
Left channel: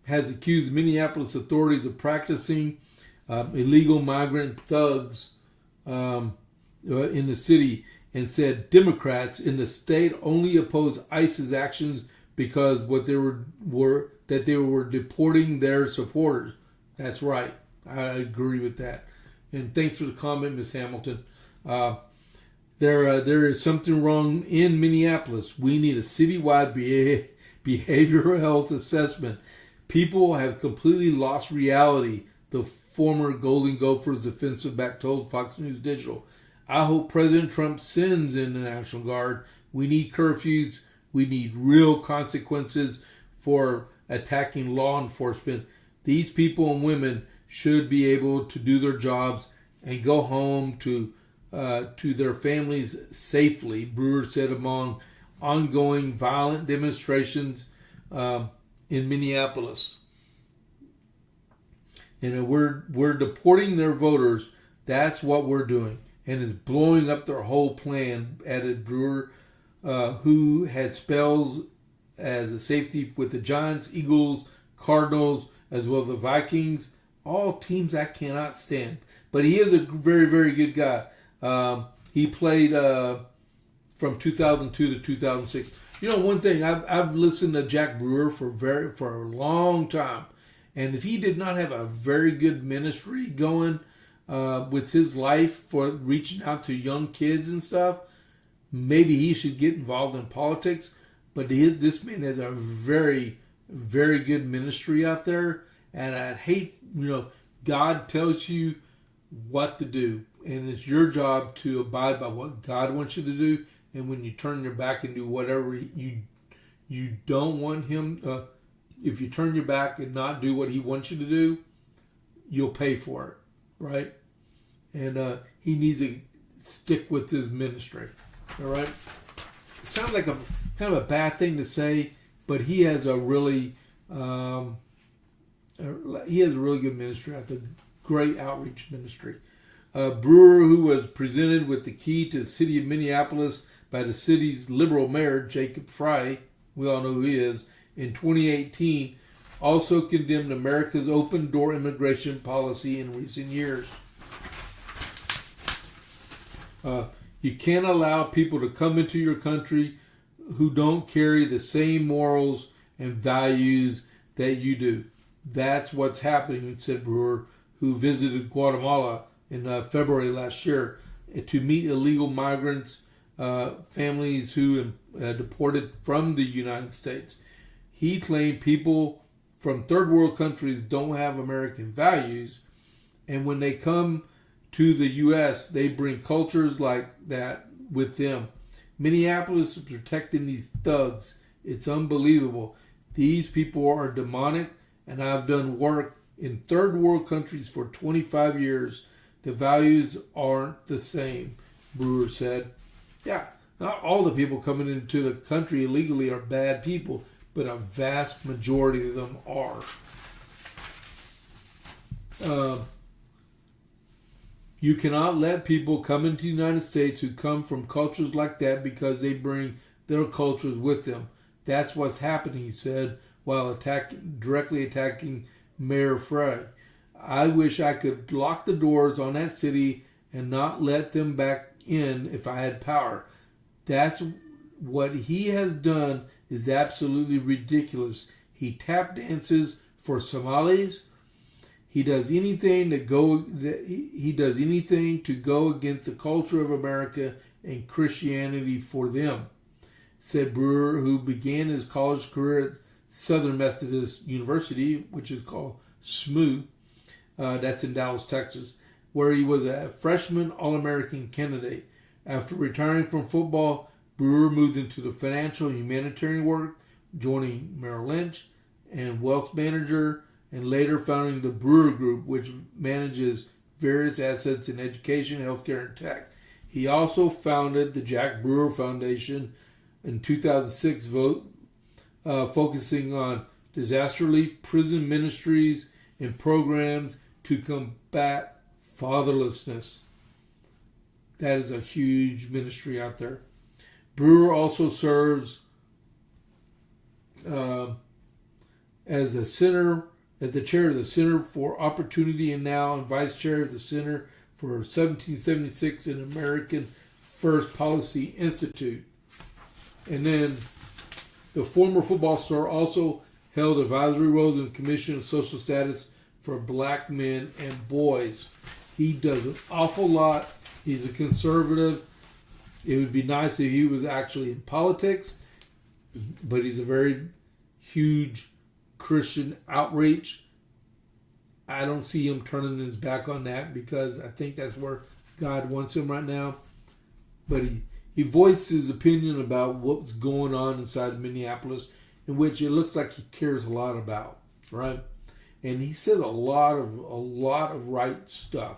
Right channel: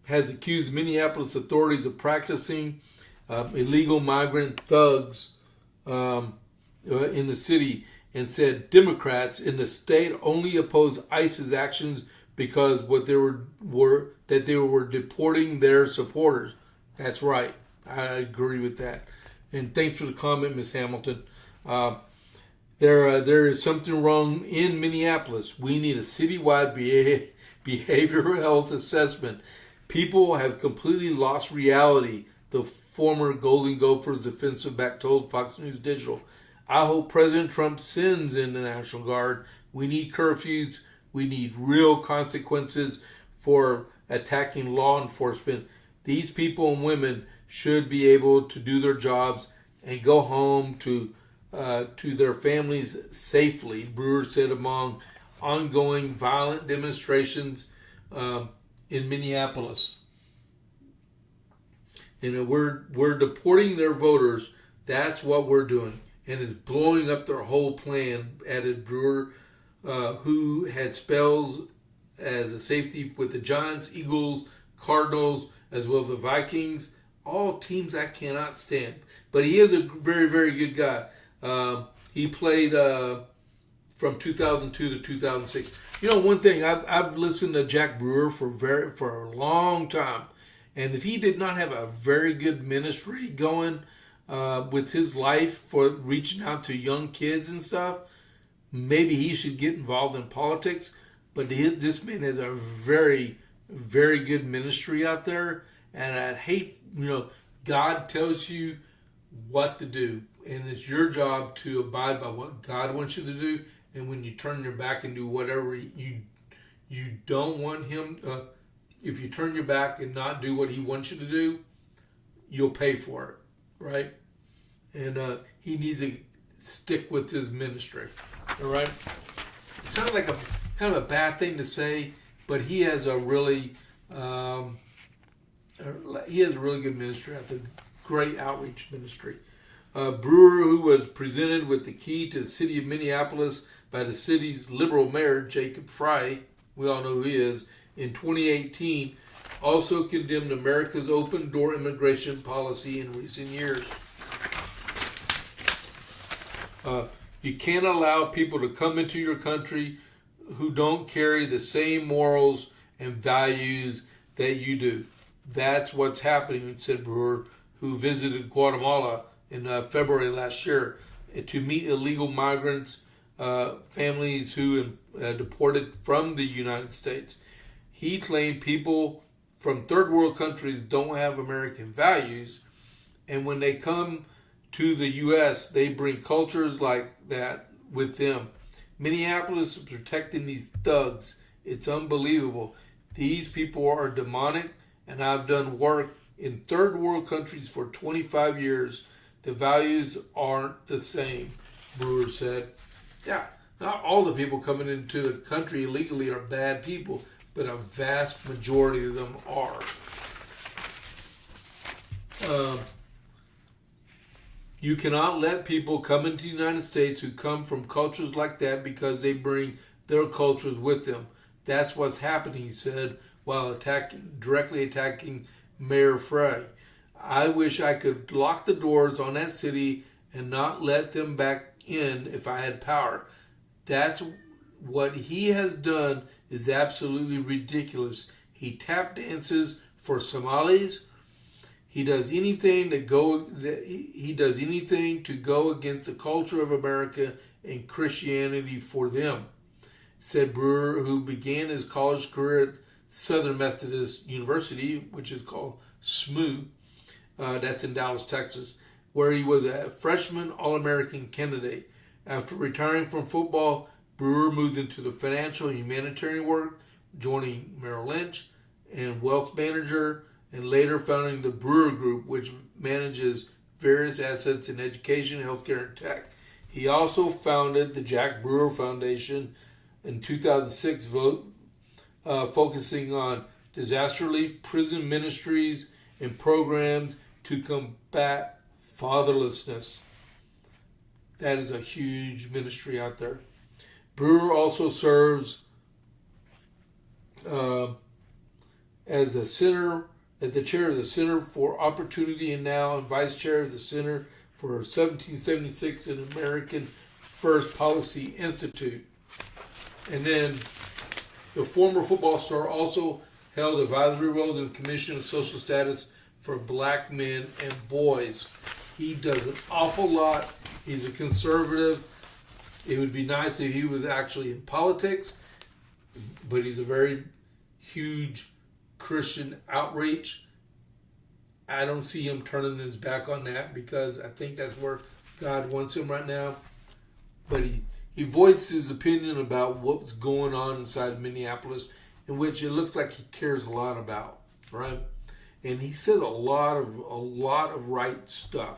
has accused Minneapolis authorities of practicing illegal migrant thugs in the city, and said Democrats in the state only oppose ICE's actions because they were deporting their supporters. That's right. I agree with that. And thanks for the comment, Ms. Hamilton. There is something wrong in Minneapolis. We need a citywide behavioral health assessment. People have completely lost reality, the former Golden Gophers defensive back told Fox News Digital. I hope President Trump sends in the National Guard. We need curfews. We need real consequences for attacking law enforcement. These people and women should be able to do their jobs and go home to their families safely. Brewer said among ongoing violent demonstrations in Minneapolis. And we're deporting their voters. That's what we're doing. And it's blowing up their whole plan, added Brewer, who had spells as a safety with the Giants, Eagles, Cardinals, as well as the Vikings. All teams I cannot stand. But he is a very, very good guy. He played from 2002 to 2006. You know, one thing, I've listened to Jack Brewer for a long time. And if he did not have a very good ministry going with his life for reaching out to young kids and stuff, maybe he should get involved in politics. But this man has a very, very good ministry out there. And I'd hate, God tells you what to do. And it's your job to abide by what God wants you to do. And when you turn your back and do whatever you don't want him, if you turn your back and not do what he wants you to do, you'll pay for it, right? And he needs to stick with his ministry, all right? It sounds like a kind of a bad thing to say, but he has a really good ministry at the great outreach ministry. Brewer, who was presented with the key to the city of Minneapolis by the city's liberal mayor, JP8, we all know who he is, in 2018, also condemned America's open-door immigration policy in recent years. You can't allow people to come into your country who don't carry the same morals and values that you do. That's what's happening, said Brewer, who visited Guatemala in February last year to meet illegal migrants, families who deported from the United States. He claimed people from third world countries don't have American values, and when they come to the U.S., they bring cultures like that with them. Minneapolis is protecting these thugs. It's unbelievable. These people are demonic, and I've done work in third world countries for 25 years. The values aren't the same, Brewer said. Yeah, not all the people coming into the country illegally are bad people, but a vast majority of them are. You cannot let people come into the United States who come from cultures like that because they bring their cultures with them. That's what's happening, he said, while directly attacking Mayor Frey. I wish I could lock the doors on that city and not let them back in if I had power. That's what he has done is absolutely ridiculous. He tap dances for Somalis. He does anything to go against the culture of America and Christianity for them, said Brewer, who began his college career at Southern Methodist University, which is called SMU. That's in Dallas, Texas, where he was a freshman All-American candidate. After retiring from football, Brewer moved into the financial and humanitarian work, joining Merrill Lynch and wealth manager, and later founding the Brewer Group, which manages various assets in education, healthcare, and tech. He also founded the Jack Brewer Foundation in 2006, focusing on disaster relief, prison ministries, and programs to combat fatherlessness. That is a huge ministry out there. Brewer also serves as the chair of the Center for Opportunity and now and vice chair of the Center for 1776 and American First Policy Institute. And then the former football star also held advisory roles in the Commission of Social Status for Black Men and Boys. He does an awful lot. He's a conservative. It would be nice if he was actually in politics, but he's a very huge Christian outreach. I don't see him turning his back on that because I think that's where God wants him right now. But he voiced his opinion about what's going on inside Minneapolis, in which it looks like he cares a lot about, right? and he says a lot of right stuff.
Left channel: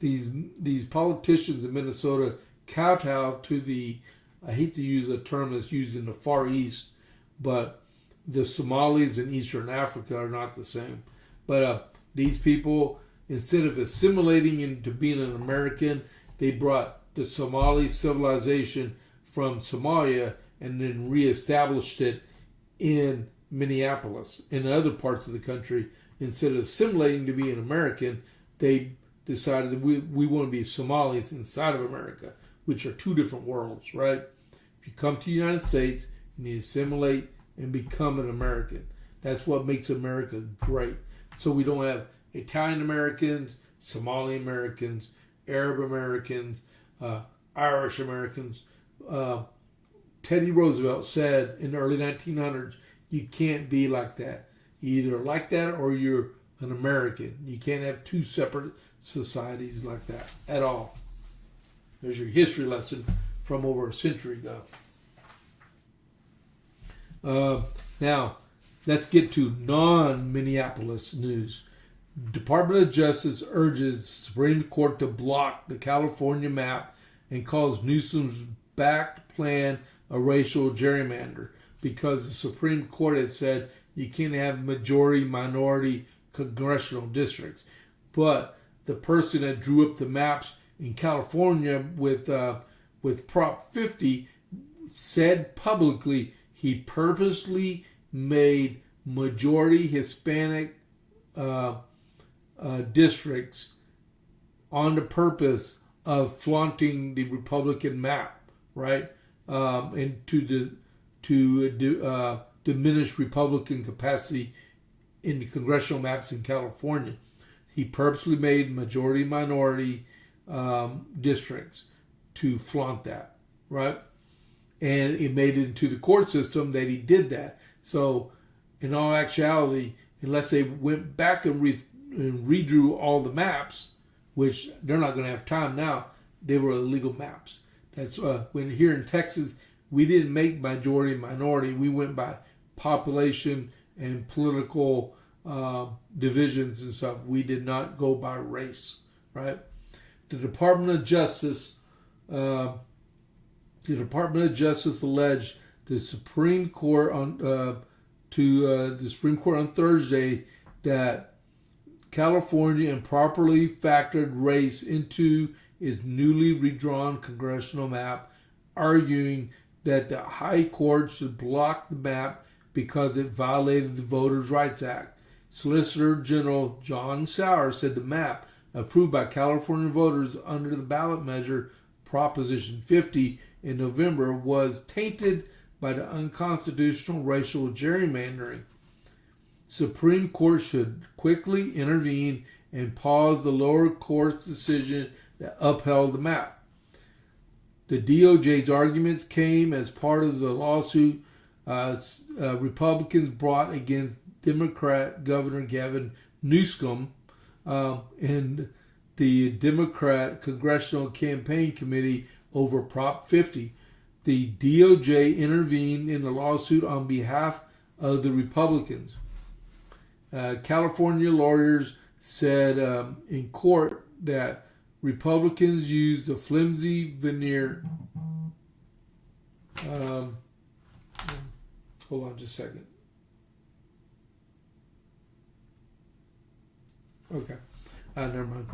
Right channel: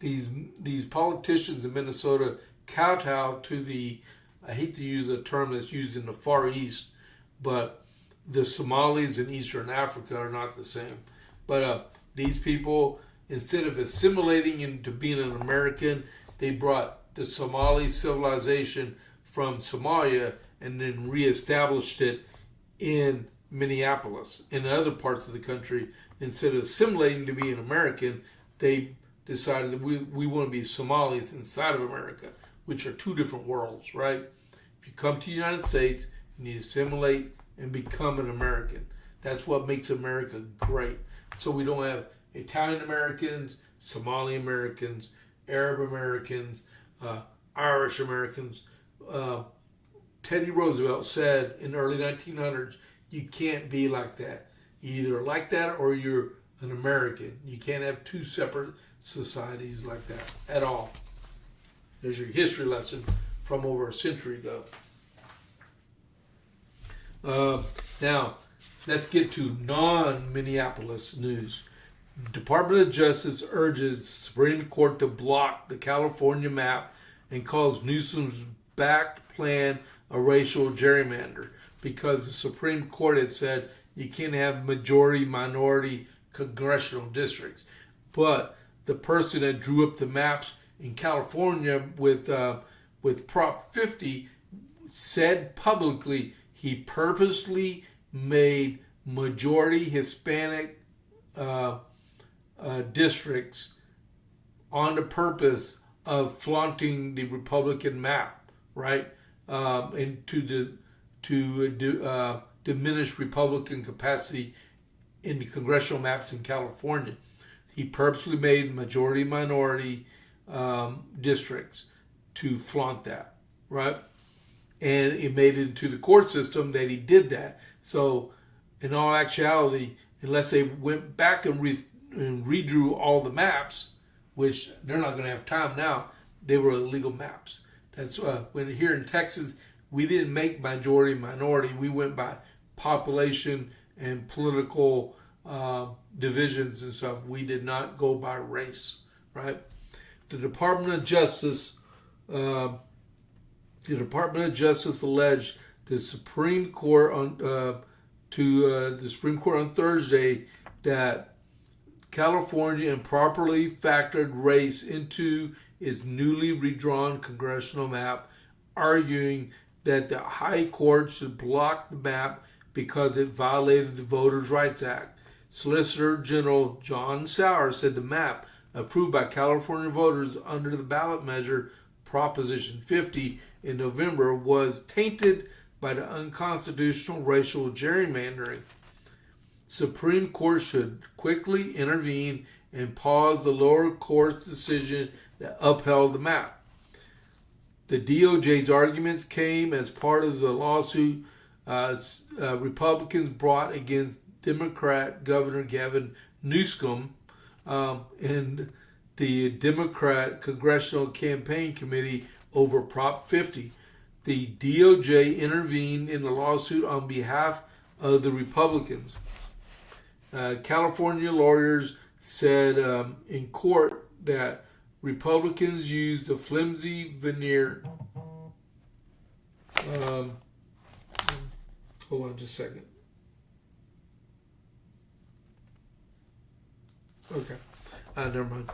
These politicians in Minnesota kowtow to the, I hate to use a term that's used in the Far East, but the Somalis in Eastern Africa are not the same. But these people, instead of assimilating into being an American, they brought the Somali civilization from Somalia and then reestablished it in Minneapolis. In other parts of the country, instead of assimilating to be an American, they decided that we want to be Somalis inside of America, which are two different worlds, right? If you come to the United States, you need to assimilate and become an American. That's what makes America great. So we don't have Italian Americans, Somali Americans, Arab Americans, Irish Americans. Teddy Roosevelt said in the early 1900s, you can't be like that. You're either like that or you're an American. You can't have two separate societies like that at all. There's your history lesson from over a century ago. Now, let's get to non-Minneapolis news. Department of Justice urges Supreme Court to block the California map and calls Newsom's backed plan a racial gerrymander because the Supreme Court had said you can't have majority-minority congressional districts. But the person that drew up the maps in California with Prop 50 said publicly he purposely made majority Hispanic districts on the purpose of flaunting the Republican map, right? And to diminish Republican capacity in the congressional maps in California. He purposely made majority-minority districts to flaunt that, right? And it made it into the court system that he did that. So, in all actuality, unless they went back and redrew all the maps, which they're not going to have time now, they were illegal maps. That's when here in Texas, we didn't make majority-minority. We went by population and political divisions and stuff. We did not go by race, right? The Department of Justice alleged the Supreme Court on Thursday that California improperly factored race into its newly redrawn congressional map, arguing that the High Court should block the map because it violated the Voters' Rights Act. Solicitor General John Sauer said the map, approved by California voters under the ballot measure Proposition 50 in November, was tainted by the unconstitutional racial gerrymandering. Supreme Court should quickly intervene and pause the lower court's decision that upheld the map. The DOJ's arguments came as part of the lawsuit Republicans brought against Democrat Governor Gavin Newsom and the Democrat Congressional Campaign Committee over Prop 50. The DOJ intervened in the lawsuit on behalf of the Republicans. California lawyers said in court that Republicans used a flimsy veneer. Hold on just a second. Okay. Never mind.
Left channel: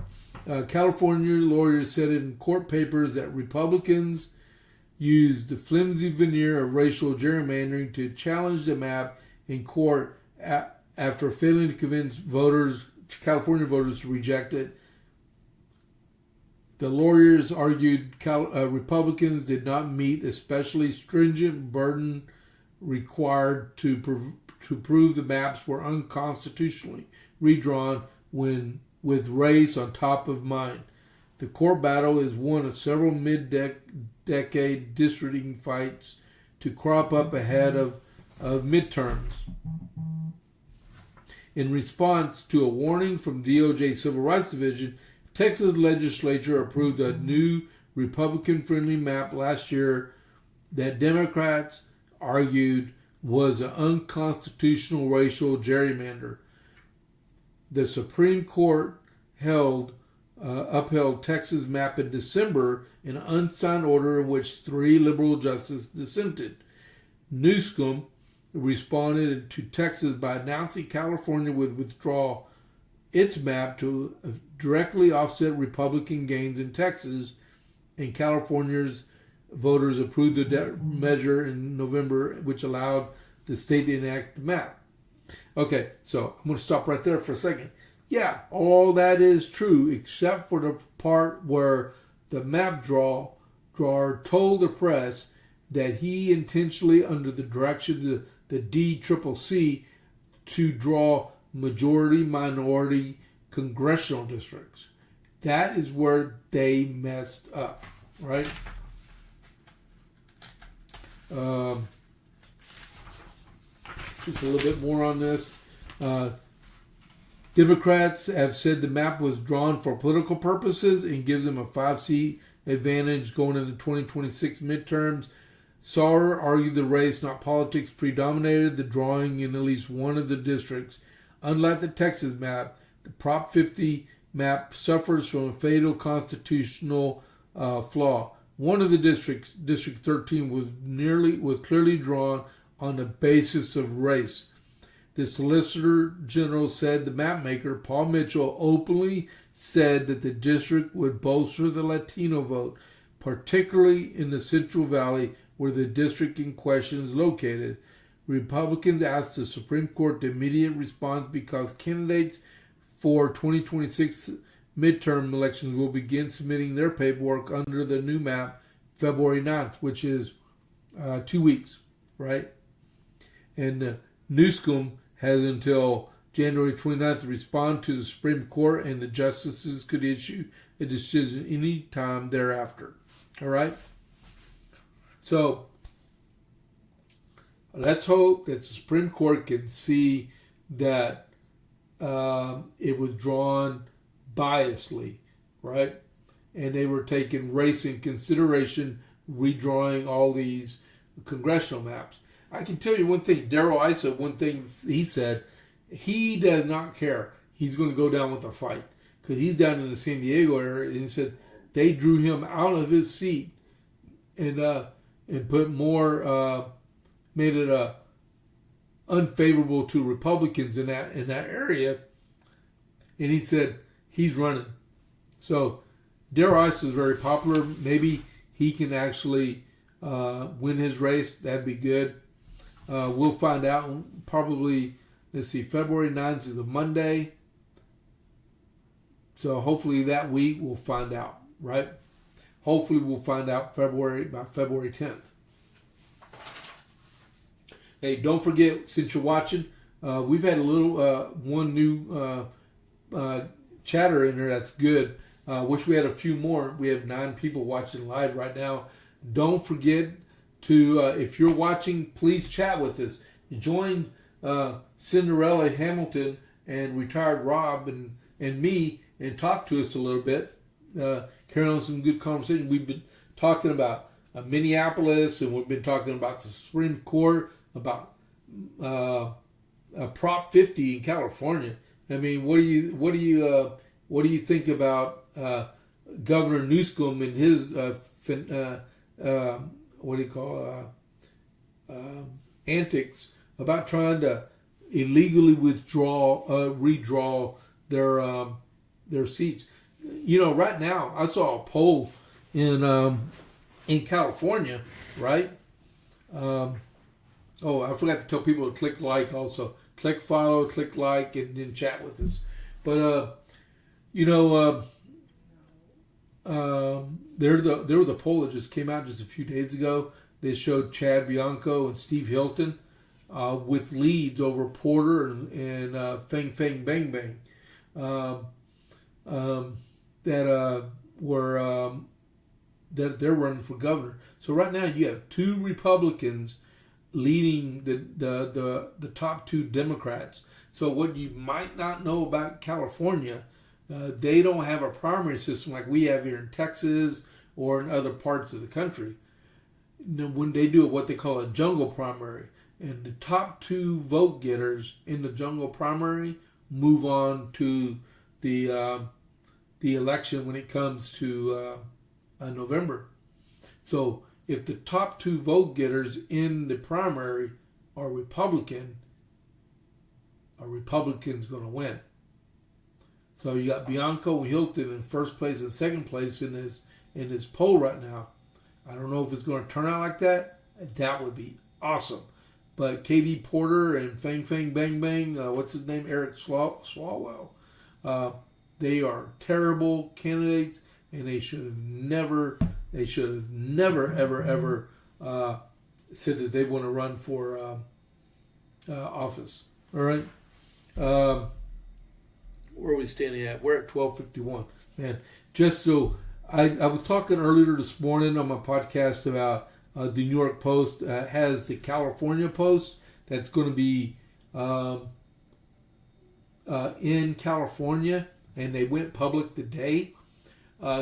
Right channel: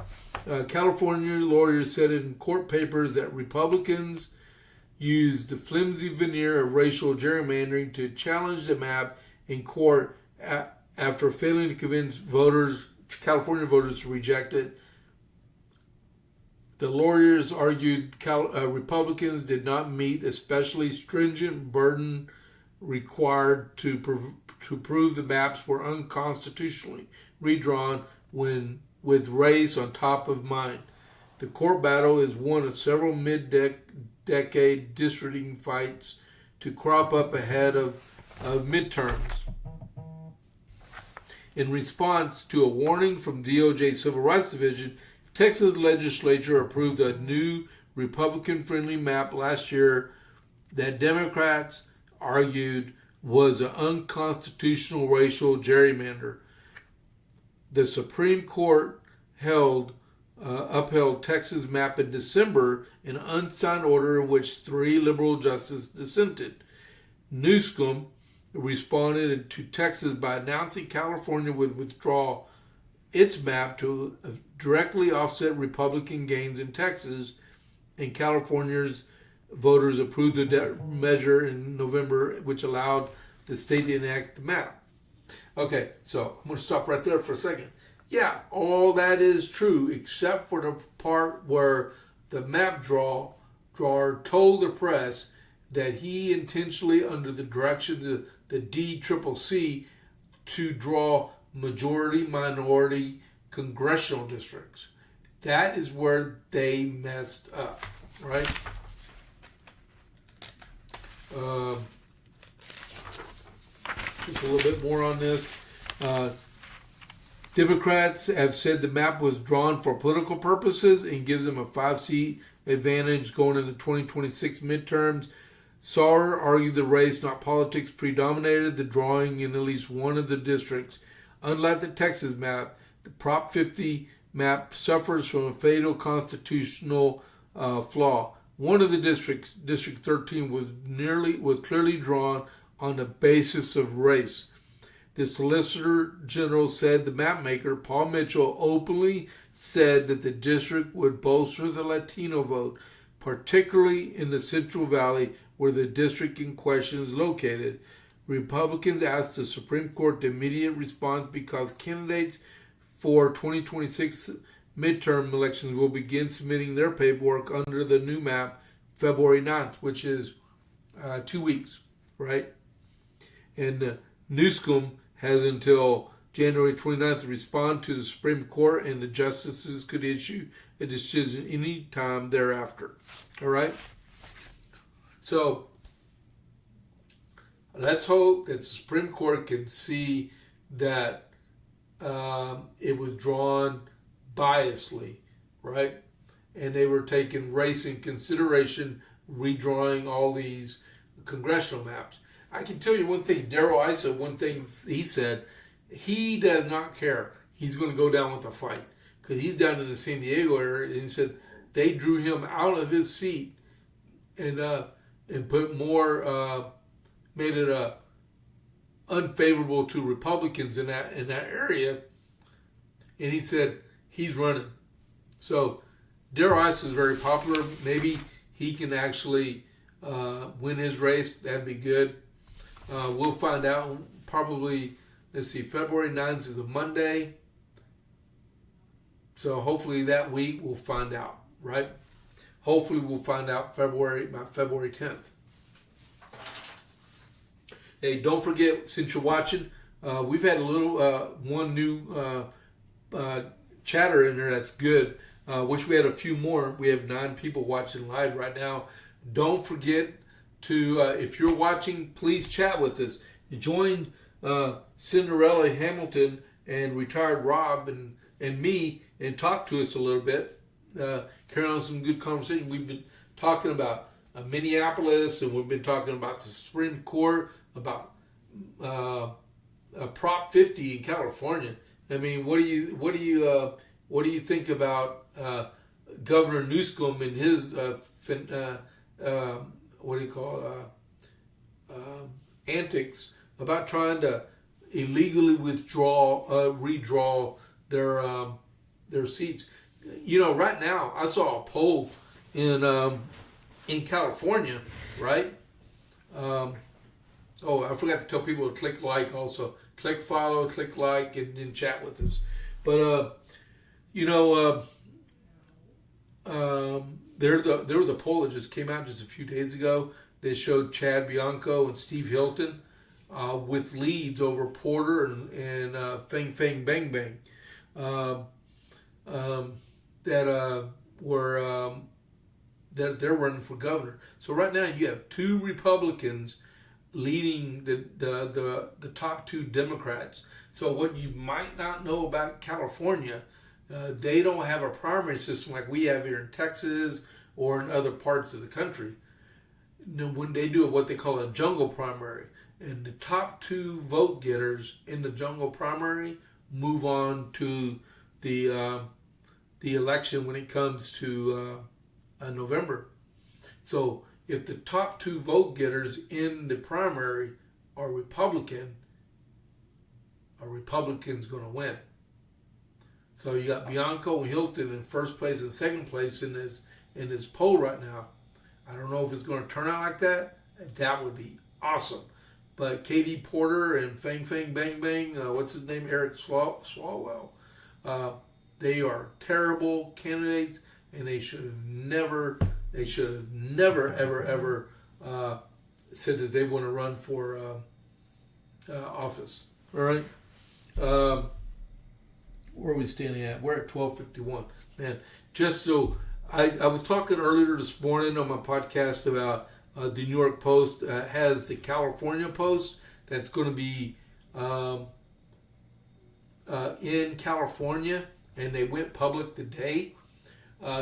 California lawyers said in court papers that Republicans used the flimsy veneer of racial gerrymandering to challenge the map in court after failing to convince California voters to reject it. The lawyers argued Republicans did not meet especially stringent burden required to prove the maps were unconstitutionally redrawn with race on top of mind. The court battle is one of several mid-decade districting fights to crop up ahead of midterms. In response to a warning from DOJ Civil Rights Division, Texas legislature approved a new Republican-friendly map last year that Democrats argued was an unconstitutional racial gerrymander. the Supreme Court upheld Texas map in December in an unsigned order in which 3 liberal justices dissented. Newsom responded to Texas by announcing California would withdraw its map to directly offset Republican gains in Texas, and California's voters approved the measure in November, which allowed the state to enact the map. Okay, so I'm going to stop right there for a second. Yeah, all that is true, except for the part where the map drawer told the press that he intentionally, under the direction of the DCCC, to draw majority-minority congressional districts. That is where they messed up, right? Just a little bit more on this. Democrats have said the map was drawn for political purposes and gives them a 5-seat advantage going into 2026 midterms. Sauer argued the race, not politics, predominated the drawing in at least one of the districts. Unlike the Texas map, the Prop 50 map suffers from a fatal constitutional flaw. One of the districts, District 13, was clearly drawn on the basis of race. The Solicitor General said the mapmaker, Paul Mitchell, openly said that the district would bolster the Latino vote, particularly in the Central Valley, where the district in question is located. Republicans asked the Supreme Court to immediate response because candidates for 2026 midterm elections will begin submitting their paperwork under the new map February 9th, which is 2 weeks, right? And Newsom has until January 29th to respond to the Supreme Court, and the justices could issue a decision any time thereafter. All right? So, let's hope that the Supreme Court can see that it was drawn biasly, right? And they were taking race in consideration, redrawing all these congressional maps. I can tell you one thing, Darrell Issa, one thing he said, he does not care. He's going to go down with a fight because he's down in the San Diego area, and he said they drew him out of his seat and put more, made it unfavorable to Republicans in that area, and he said he's running. So Darrell Issa is very popular. Maybe he can actually win his race. That'd be good. We'll find out probably, February 9th is a Monday. So hopefully that week we'll find out, right? Hopefully we'll find out by February 10th. Hey, don't forget, since you're watching, we've had a little, one new chatter in there that's good. Wish we had a few more. We have 9 people watching live right now. Don't forget to, if you're watching, please chat with us. Join Cinderella Hamilton and Retired Rob and me and talk to us a little bit. Carrying on some good conversation. We've been talking about Minneapolis, and we've been talking about the Supreme Court, about Prop 50 in California. I mean, what do you think about Governor Newsom and his antics about trying to illegally redraw their seats? You know, right now I saw a poll in California, right? Oh, I forgot to tell people to click like also. Click follow, click like, and then chat with us. But, there was a poll that just came out just a few days ago. They showed Chad Bianco and Steve Hilton with leads over Porter and Feng Feng Bang Bang that they're running for governor. So right now you have 2 Republicans leading the top 2 Democrats. So what you might not know about California, they don't have a primary system like we have here in Texas or in other parts of the country. When they do what they call a jungle primary, and the top 2 vote getters in the jungle primary move on to the election when it comes to November. So if the top 2 vote getters in the primary are Republican, a Republican's going to win. So you got Bianco and Hilton in first place and second place in this poll right now. I don't know if it's going to turn out like that. That would be awesome. But Katie Porter and Fang Fang Bang Bang, what's his name, Eric Swalwell, they are terrible candidates, and they should have never ever said that they want to run for office. All right. Where are we standing at? We're at 12:51. Man, just so I was talking earlier this morning on my podcast about the New York Post has the California Post that's going to be in California, and they went public today.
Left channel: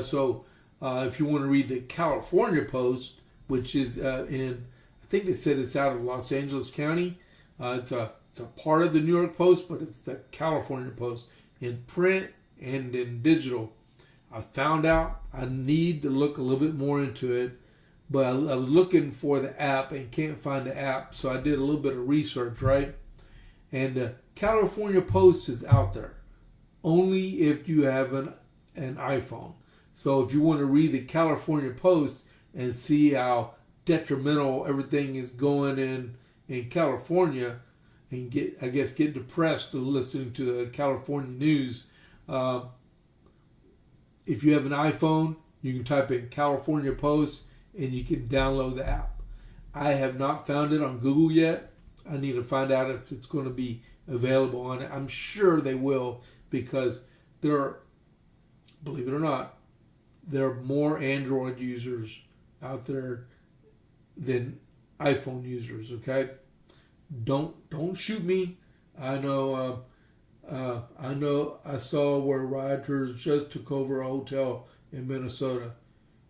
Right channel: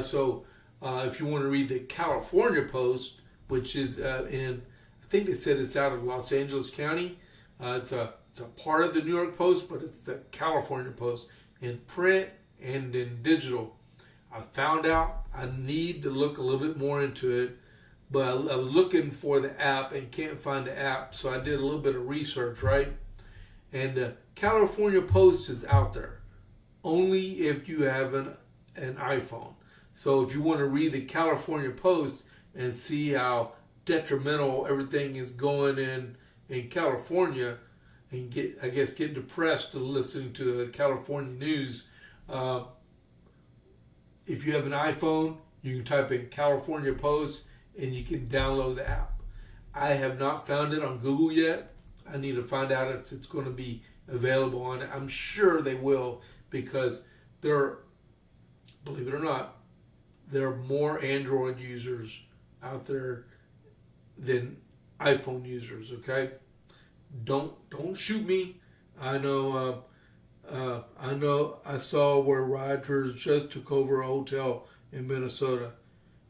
So if you want to read the California Post, which is I think they said it's out of Los Angeles County. It's a part of the New York Post, but it's the California Post in print and in digital. I found out I need to look a little bit more into it, but I was looking for the app and can't find the app, so I did a little bit of research, right? And the California Post is out there only if you have an iPhone. So if you want to read the California Post and see how detrimental everything is going in California, and get depressed listening to the California news. If you have an iPhone, you can type in California Post and you can download the app. I have not found it on Google yet. I need to find out if it's going to be available on it. I'm sure they will, because believe it or not, there are more Android users out there than iPhone users. Okay. Don't shoot me. I know. I saw where rioters just took over a hotel in Minnesota.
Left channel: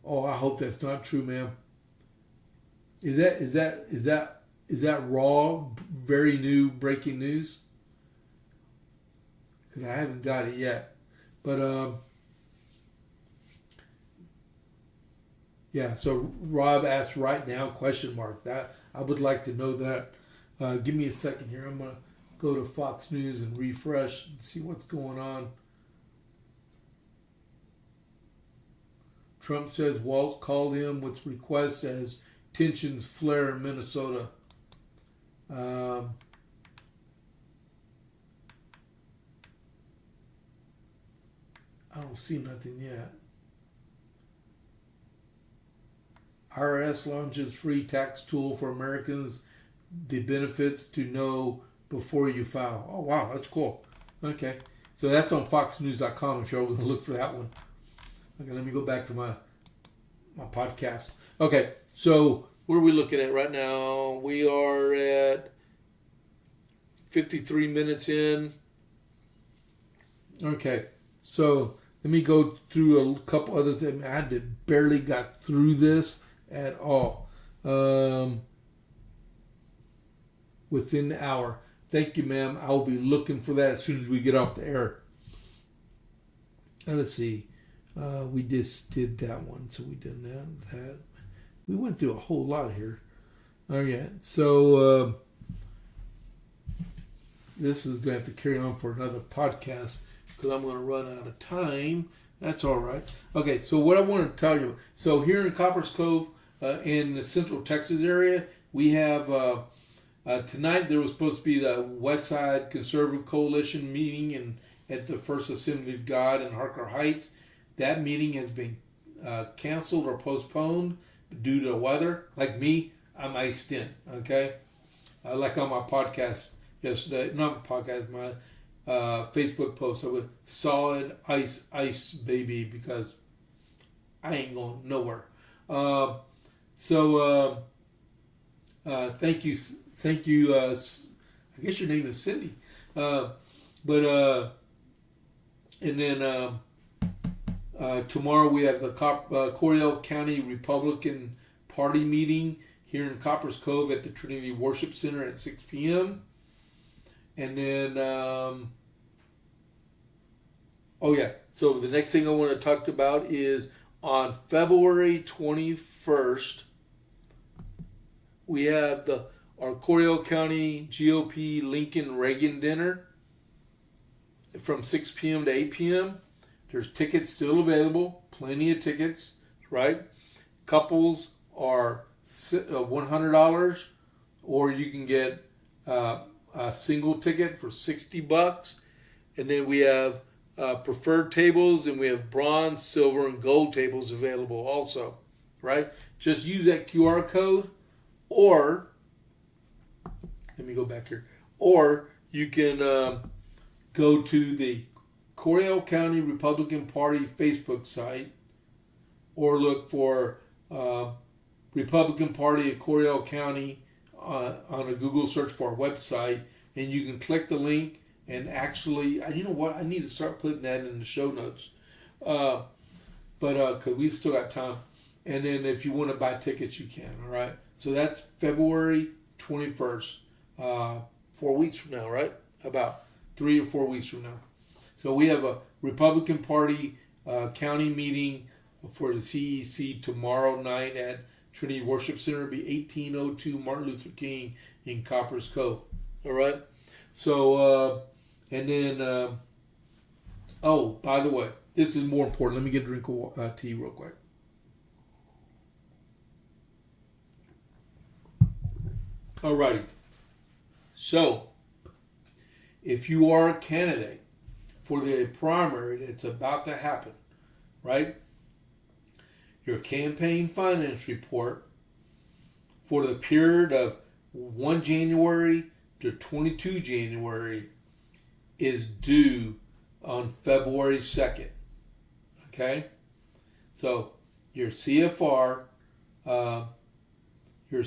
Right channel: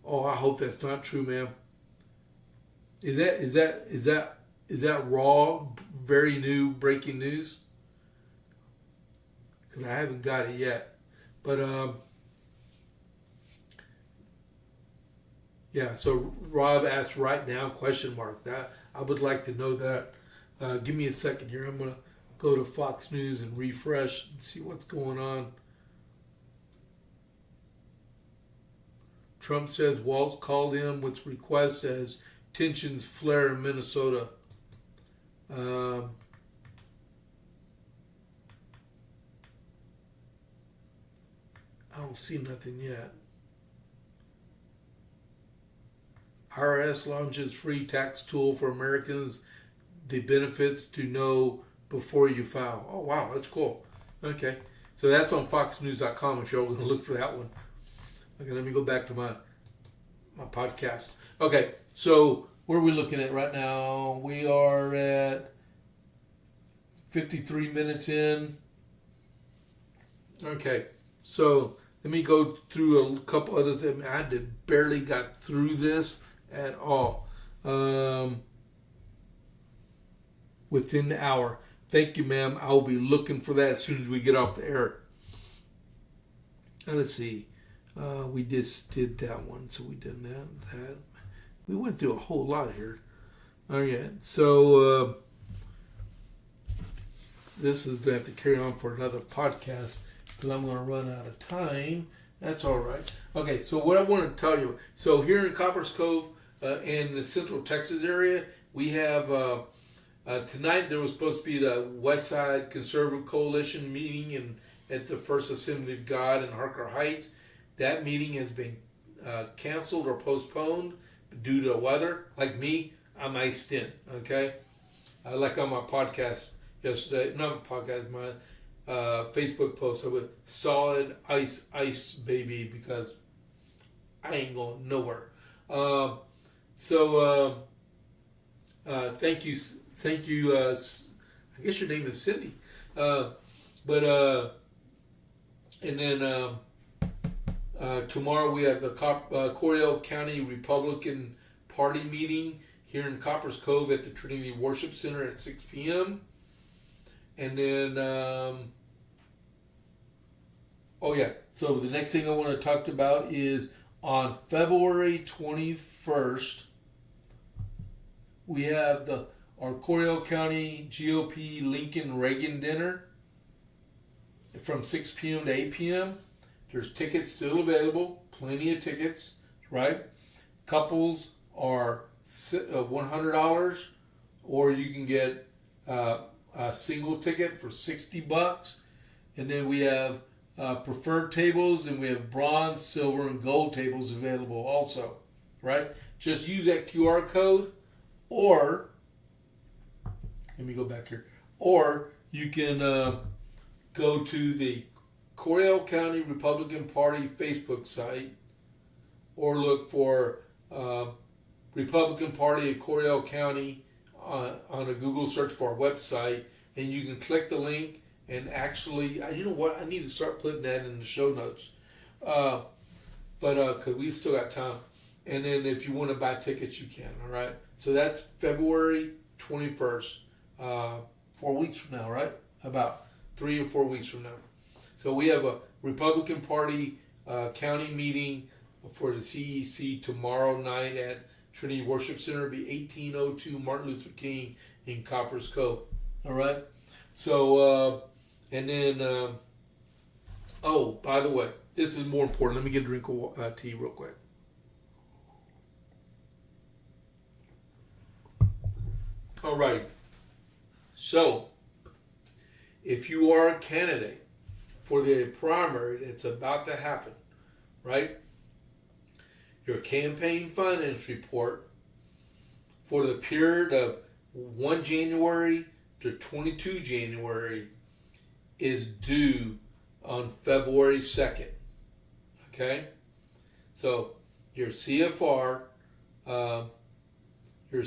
Oh, I hope that's not true, ma'am. Is that raw, very new breaking news? Because I haven't got it yet. But yeah. So Rob asked right now ? That I would like to know that. Give me a second here. I'm going to go to Fox News and refresh and see what's going on. Trump says Waltz called him with requests as tensions flare in Minnesota. I don't see nothing yet. IRS launches free tax tool for Americans. The benefits to know before you file. Oh, wow, that's cool. Okay, so that's on foxnews.com if you're going to look for that one. Okay, let me go back to my podcast. Okay, so what are we looking at right now? We are at 53 minutes in. Okay, so let me go through a couple other things. I barely got through this at all. Within the hour. Thank you, ma'am. I'll be looking for that as soon as we get off the air. Now, let's see. We just did that one, so we did that. We went through a whole lot here. All right, so this is going to have to carry on for another podcast because I'm going to run out of time. That's all right. Okay, so what I want to tell you. So here in Copper's Cove, in the Central Texas area, we have... tonight there was supposed to be the West Side Conservative Coalition meeting at the First Assembly of God in Harker Heights. That meeting has been canceled or postponed due to weather. Like me, I'm iced in, okay? Like on my podcast yesterday, not my podcast, my Facebook post, I went solid ice, baby, because I ain't going nowhere. Thank you. I guess your name is Cindy. And then tomorrow we have the Cordell County Republican Party meeting here in Copper's Cove at the Trinity Worship Center at 6 p.m. And then Oh yeah. So the next thing I want to talk about is on February 21st, we have our Coryell County GOP Lincoln Reagan dinner from 6 p.m. to 8 p.m. There's tickets still available, plenty of tickets, right? Couples are $100, or you can get a single ticket for $60. And then we have preferred tables, and we have bronze, silver, and gold tables available also, right? Just use that QR code, or let me go back here, or you can go to the Coryell County Republican Party Facebook site, or look for Republican Party of Coryell County on a Google search for our website, and you can click the link. And actually, you know what? I need to start putting that in the show notes, but because we've still got time. And then if you want to buy tickets, you can. All right. So that's February 21st, 4 weeks from now, right? About 3 or 4 weeks from now. So we have a Republican Party county meeting for the CEC tomorrow night at Trinity Worship Center. It'll be 1802 Martin Luther King in Coppers Cove. All right. So, and then, oh, by the way, this is more important. Let me get a drink of tea real quick. All right. So, if you are a candidate for the primary that's about to happen, right? Your campaign finance report for the period of 1 January to 22 January is due on February 2nd. Okay? So your CFR, your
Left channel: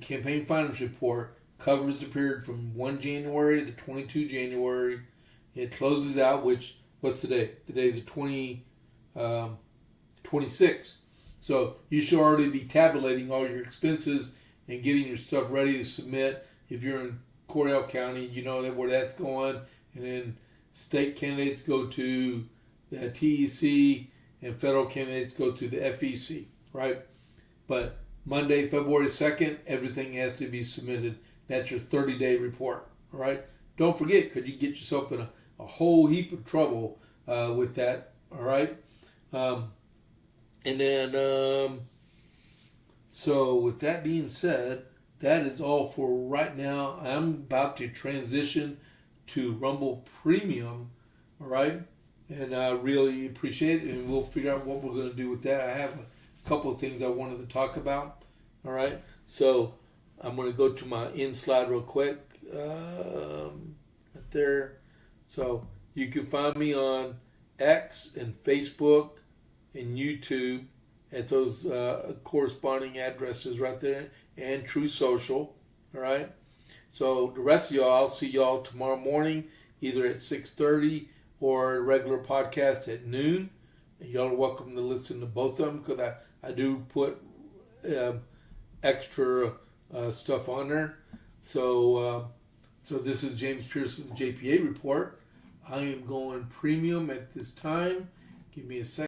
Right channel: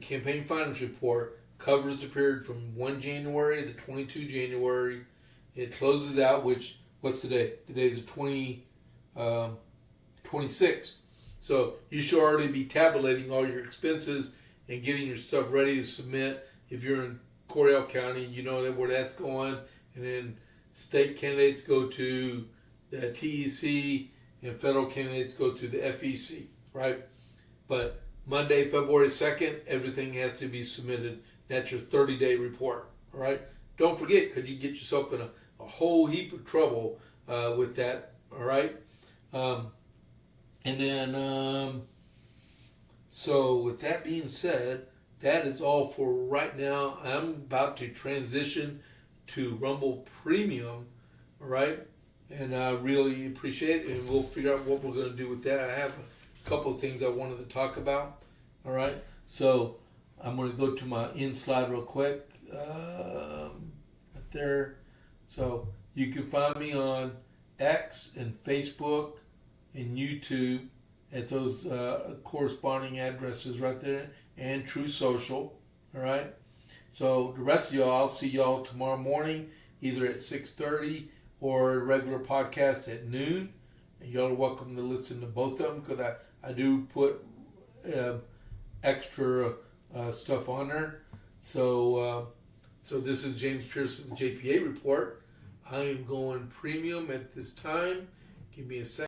campaign finance report covers the period from 1 January to 22 January. It closes out, what's today? Today's the 26th. So you should already be tabulating all your expenses and getting your stuff ready to submit. If you're in Coryell County, you know where that's going. And then state candidates go to the TEC, and federal candidates go to the FEC, right? But Monday, February 2nd, everything has to be submitted. That's your 30-day report, all right? Don't forget, because you get yourself in a whole heap of trouble with that, all right? And then, so with that being said, that is all for right now. I'm about to transition to Rumble Premium, all right? And I really appreciate it, and we'll figure out what we're going to do with that. I have a couple of things I wanted to talk about, all right? So I'm going to go to my end slide real quick. Right there. So you can find me on X and Facebook and YouTube at those corresponding addresses right there, and True Social, all right? So the rest of y'all, I'll see y'all tomorrow morning, either at 6:30 or a regular podcast at noon. And y'all are welcome to listen to both of them, because I do put extra stuff on there. So this is James Pierce with the JP8 Report. I am going premium at this time. Give me a second.